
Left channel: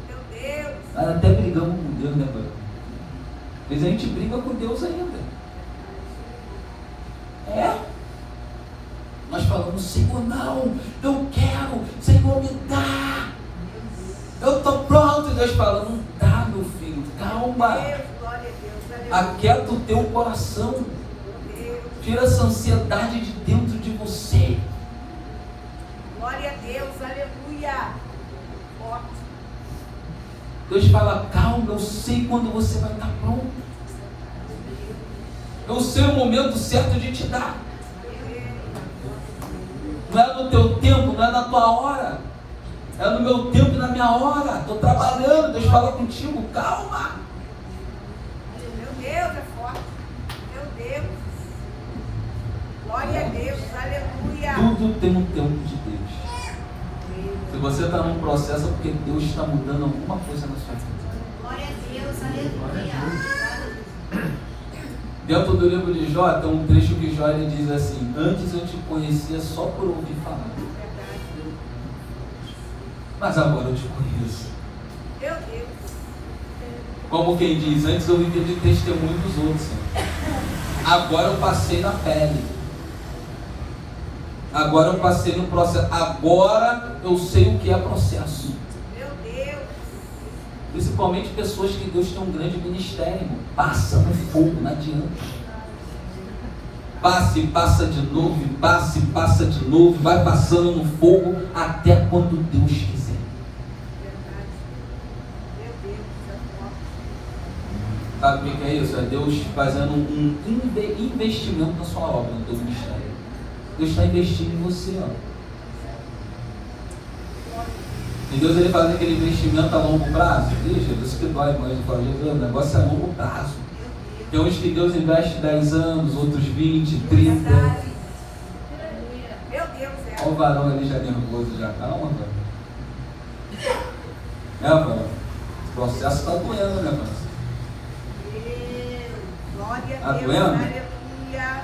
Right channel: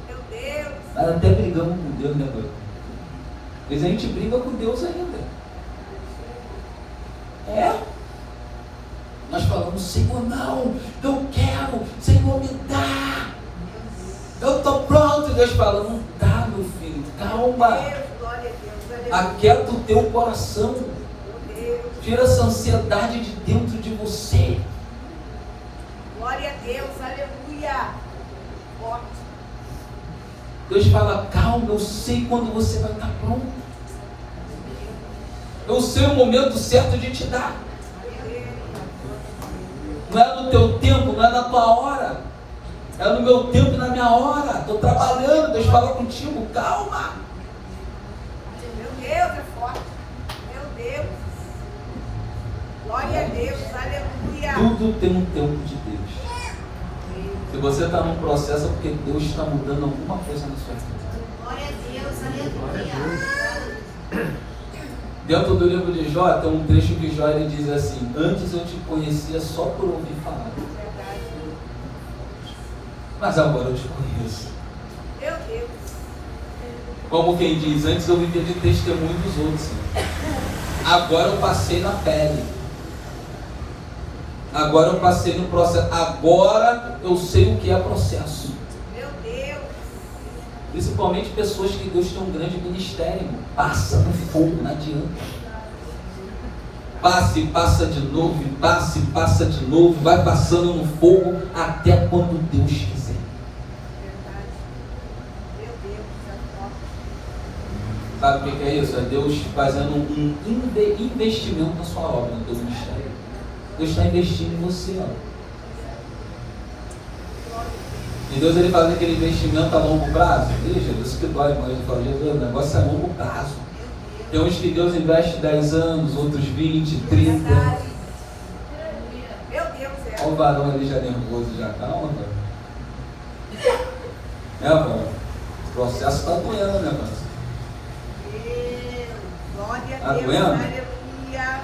Meu Deus. Aí até brigamos com Deus, né, Barulho? Mas a gente briga com Deus ainda. É? Nós falamos, Senhor, não, eu quero, Senhor, me dá. Eu estou pronto. Deus fala, não dá, meu filho, calma. Glória a Deus. Aquieta o teu coração. Tira essa ansiedade de dentro de você. Glória a Deus, aleluia. Forte. Deus fala, calma, eu sei quando você vai estar pronto. Eu sei o momento certo de te dar. Não é no teu tempo, não é na tua hora. É no meu tempo e na minha hora. Estou trabalhando, Deus fala contigo, calma. Meu Deus, é forte. Meu Deus. Glória a Deus, aleluia. Tudo tem um tempo de Deus. Se você está num processo, é porque Deus está mudando alguma coisa na sua vida. Glória a Deus, aleluia. Dentro do livro de Jó, tem um trecho que Jó ele diz assim, antes eu te conhecia só por ouvir falar. Mas agora eu te conheço. Meu Deus. Como quem diz, antes eu vivia de testemunho dos outros. Agora eu passei na pele. Agora eu passei no processo. Agora eu sei o que é processo. Meu Deus. Principalmente pessoas que Deus tem um grande ministério. Irmão. Passa no fogo, não adianta. Passe e passa de novo, e passe e passa de novo. Vai passando no fogo até quando Deus quiser. Verdade. Meu Deus, é forte. Sabe o que é isso? É Deus fazendo um investimento na sua obra, no teu ministério. Deus está investindo em você, ó. E Deus ele faz aquele investimento a longo prazo. Veja, isso que dói, mas eu falo, o negócio é a longo prazo. Tem uns que Deus investe 10 anos, outros 20, 30. Verdade. Meu Deus, Olha o varão ali já nervoso, já calma, pai. Pai? O processo está doendo, né, pai? Glória Tá a Deus, doendo? aleluia.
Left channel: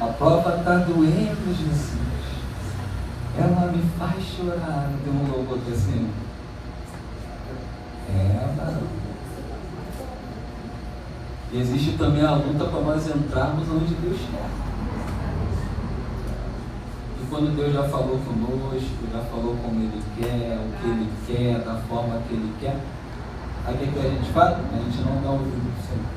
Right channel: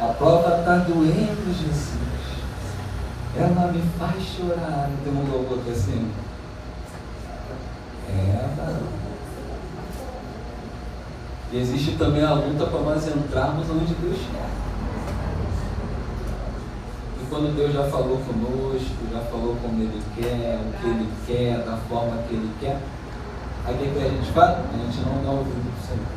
A prova está doendo, Jesus. Ela me faz chorar. Não tem um louvor que assim? Varão. E existe também a luta para nós entrarmos onde Deus quer. E quando Deus já falou conosco, já falou como Ele quer, o que Ele quer, da forma que Ele quer, aí o que a gente faz? A gente não dá ouvido para o Senhor.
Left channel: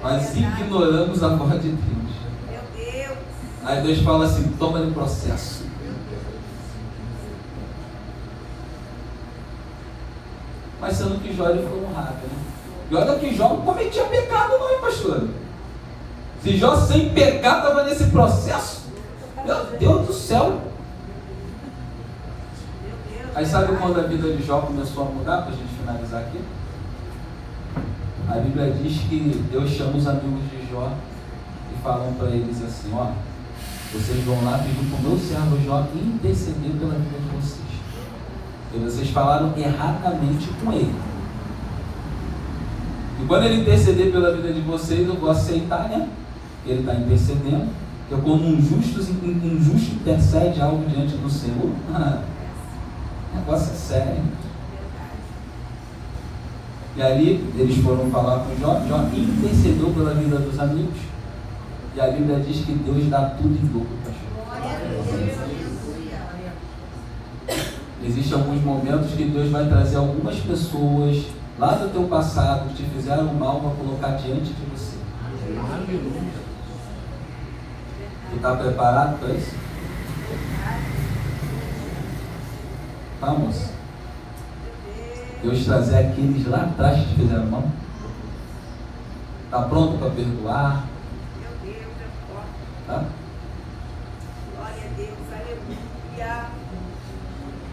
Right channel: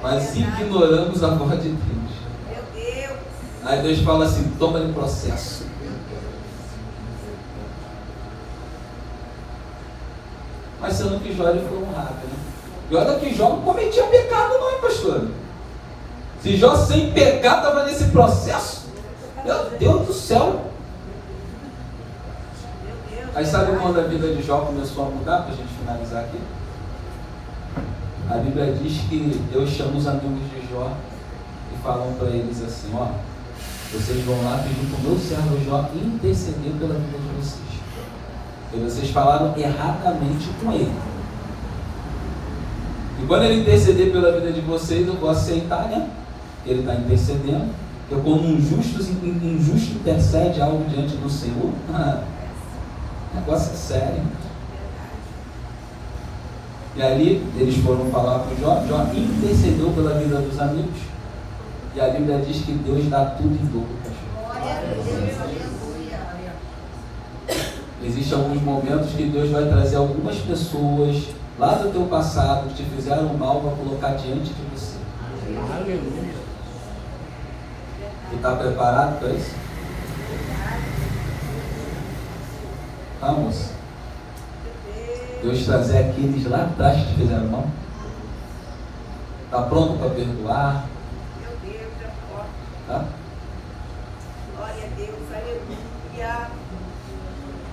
Mas ignoramos a voz de Deus. Meu Deus. Aí Deus fala assim, toma em processo. Mas sendo que Jó ele foi honrado, né? E olha que Jó não cometia pecado não, hein, pastor? Se Jó sem pecado estava nesse processo, meu Deus do céu. Meu Deus. Aí sabe quando a vida de Jó começou a mudar, para a gente finalizar aqui? A Bíblia diz que Deus chama os amigos de Jó e falam para eles assim, ó, vocês vão lá pedir para o meu servo Jó interceder pela vida de vocês. E vocês falaram erradamente com ele. E quando ele interceder pela vida de vocês, eu vou aceitar, né? Ele está intercedendo. Então, quando um justo intercede algo diante do Senhor, negócio é sério. E ali eles foram falar com Jó. Jó intercedeu pela vida dos amigos. E a Bíblia diz que Deus dá tudo em dobro para Jó. Existem alguns momentos que Deus vai trazer algumas pessoas lá do teu passado que te fizeram mal para colocar diante de você. Aleluia. Tu está preparado para isso? Vamos. Deus trazer aqueles lá atrás que fizeram mal. Está pronto para perdoar? Meu Deus, é forte. Tá? Glória a Deus, aleluia.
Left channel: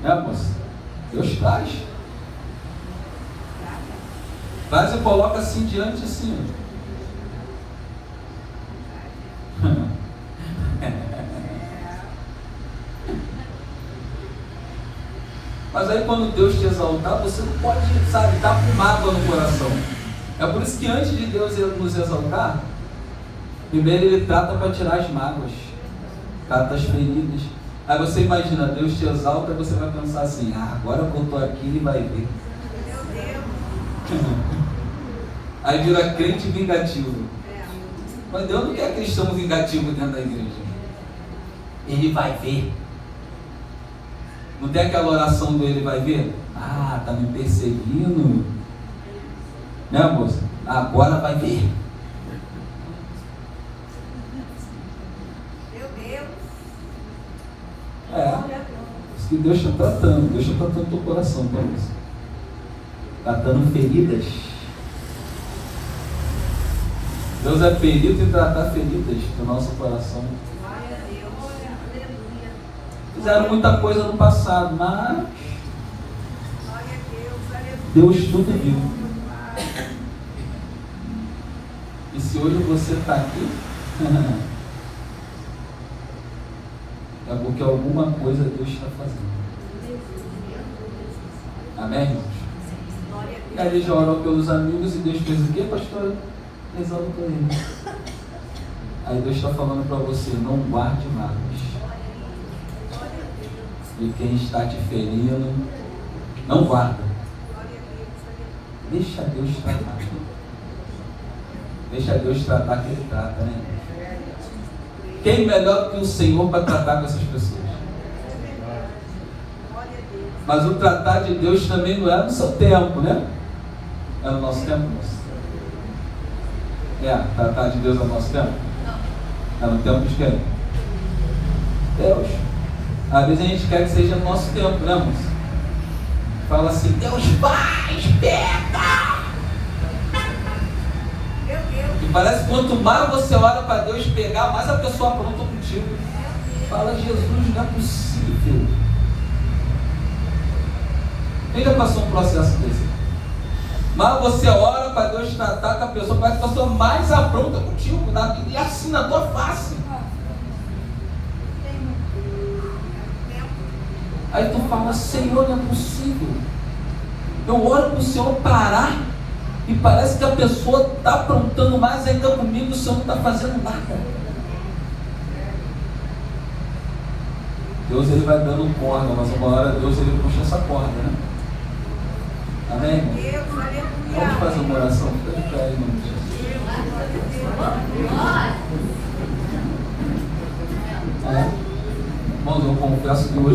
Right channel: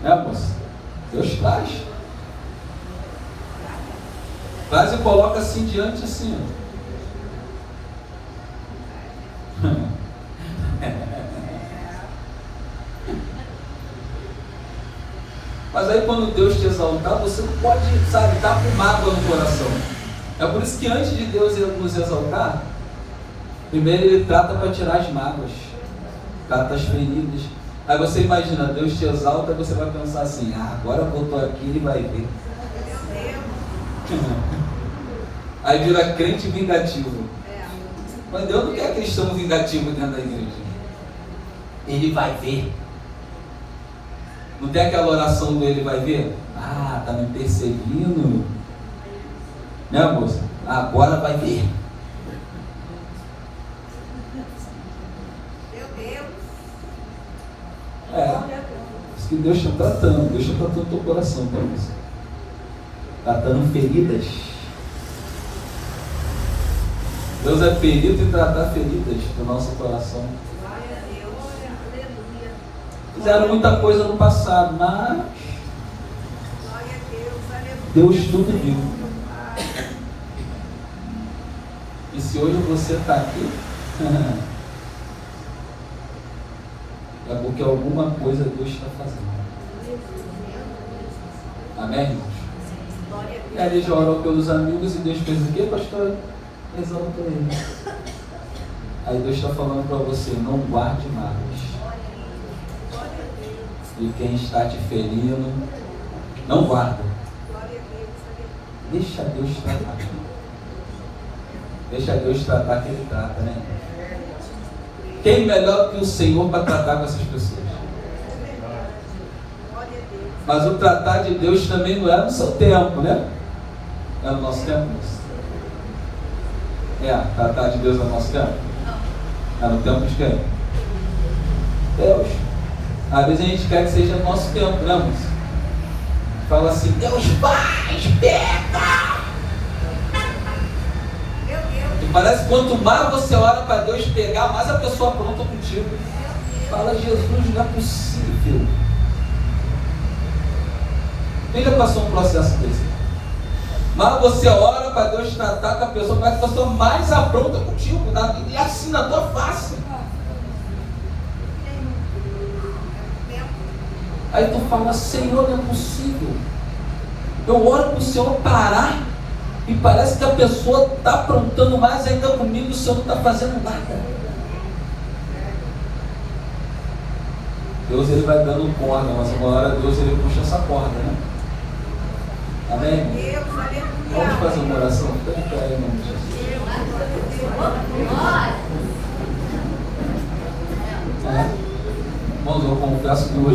Né, moça? Deus traz. Traz e coloca assim diante, assim. Mas aí quando Deus te exaltar, você não pode, sabe, estar com mágoa no coração. É por isso que antes de Deus nos exaltar, primeiro Ele trata para tirar as mágoas, trata as feridas. Aí você imagina, Deus te exalta e você vai pensar assim, agora voltou aqui e vai ver. Meu Deus. Aí vira crente vingativo. É. Mas Deus não quer cristão vingativo dentro da igreja. Ele vai ver. Não tem aquela oração do ele vai ver? Tá me perseguindo. Né, moça? Agora vai ver. Meu Deus. Isso que Deus está tratando. Deus está tratando o teu coração, tá, moça? Tratando feridas. Deus é perito em tratar feridas do nosso coração. Glória a Deus. Aleluia. Fizeram muita coisa no passado, mas Glória a Deus. Aleluia. Deus tudo viu. E se hoje você está aqui, é porque alguma coisa Deus está fazendo. Amém, irmãos? Glória a Deus. Aí eles oram pelos amigos e Deus fez o quê, pastor? Exalta ele. Aí Deus está falando para você, não guarde mágoas. Glória a Deus. E quem está te ferindo, não guarda. Glória a Deus. Aleluia. Deixa Deus tratar. Deixa Deus tratar que Ele trata, né? Quem melhor que o Senhor para tratar com essas pessoas? Glória a Deus. Mas o tratar de Deus também não é no seu tempo, né? É no nosso tempo, moço. Tratar de Deus é no nosso tempo? É no tempo de quem? Deus. Às vezes a gente quer que seja no nosso tempo, né, moço? Fala assim, Deus faz, pega! Meu Deus. E parece que quanto mais você ora para Deus pegar, mais a pessoa pronta contigo. Fala, Jesus, não é possível. Quem já passou um processo desse? Mas você ora para Deus tratar com a pessoa, parece que a pessoa mais apronta contigo, e assim na tua face. Aí tu fala, Senhor, não é possível. Eu oro para o Senhor parar, e parece que a pessoa está aprontando mais ainda comigo, o Senhor não está fazendo nada. Deus ele vai dando corda, mas uma hora Deus ele puxa essa corda, né? Amém? Deus, aleluia. Vamos fazer uma oração? Fica de pé aí, irmão. Irmãos, eu confesso que hoje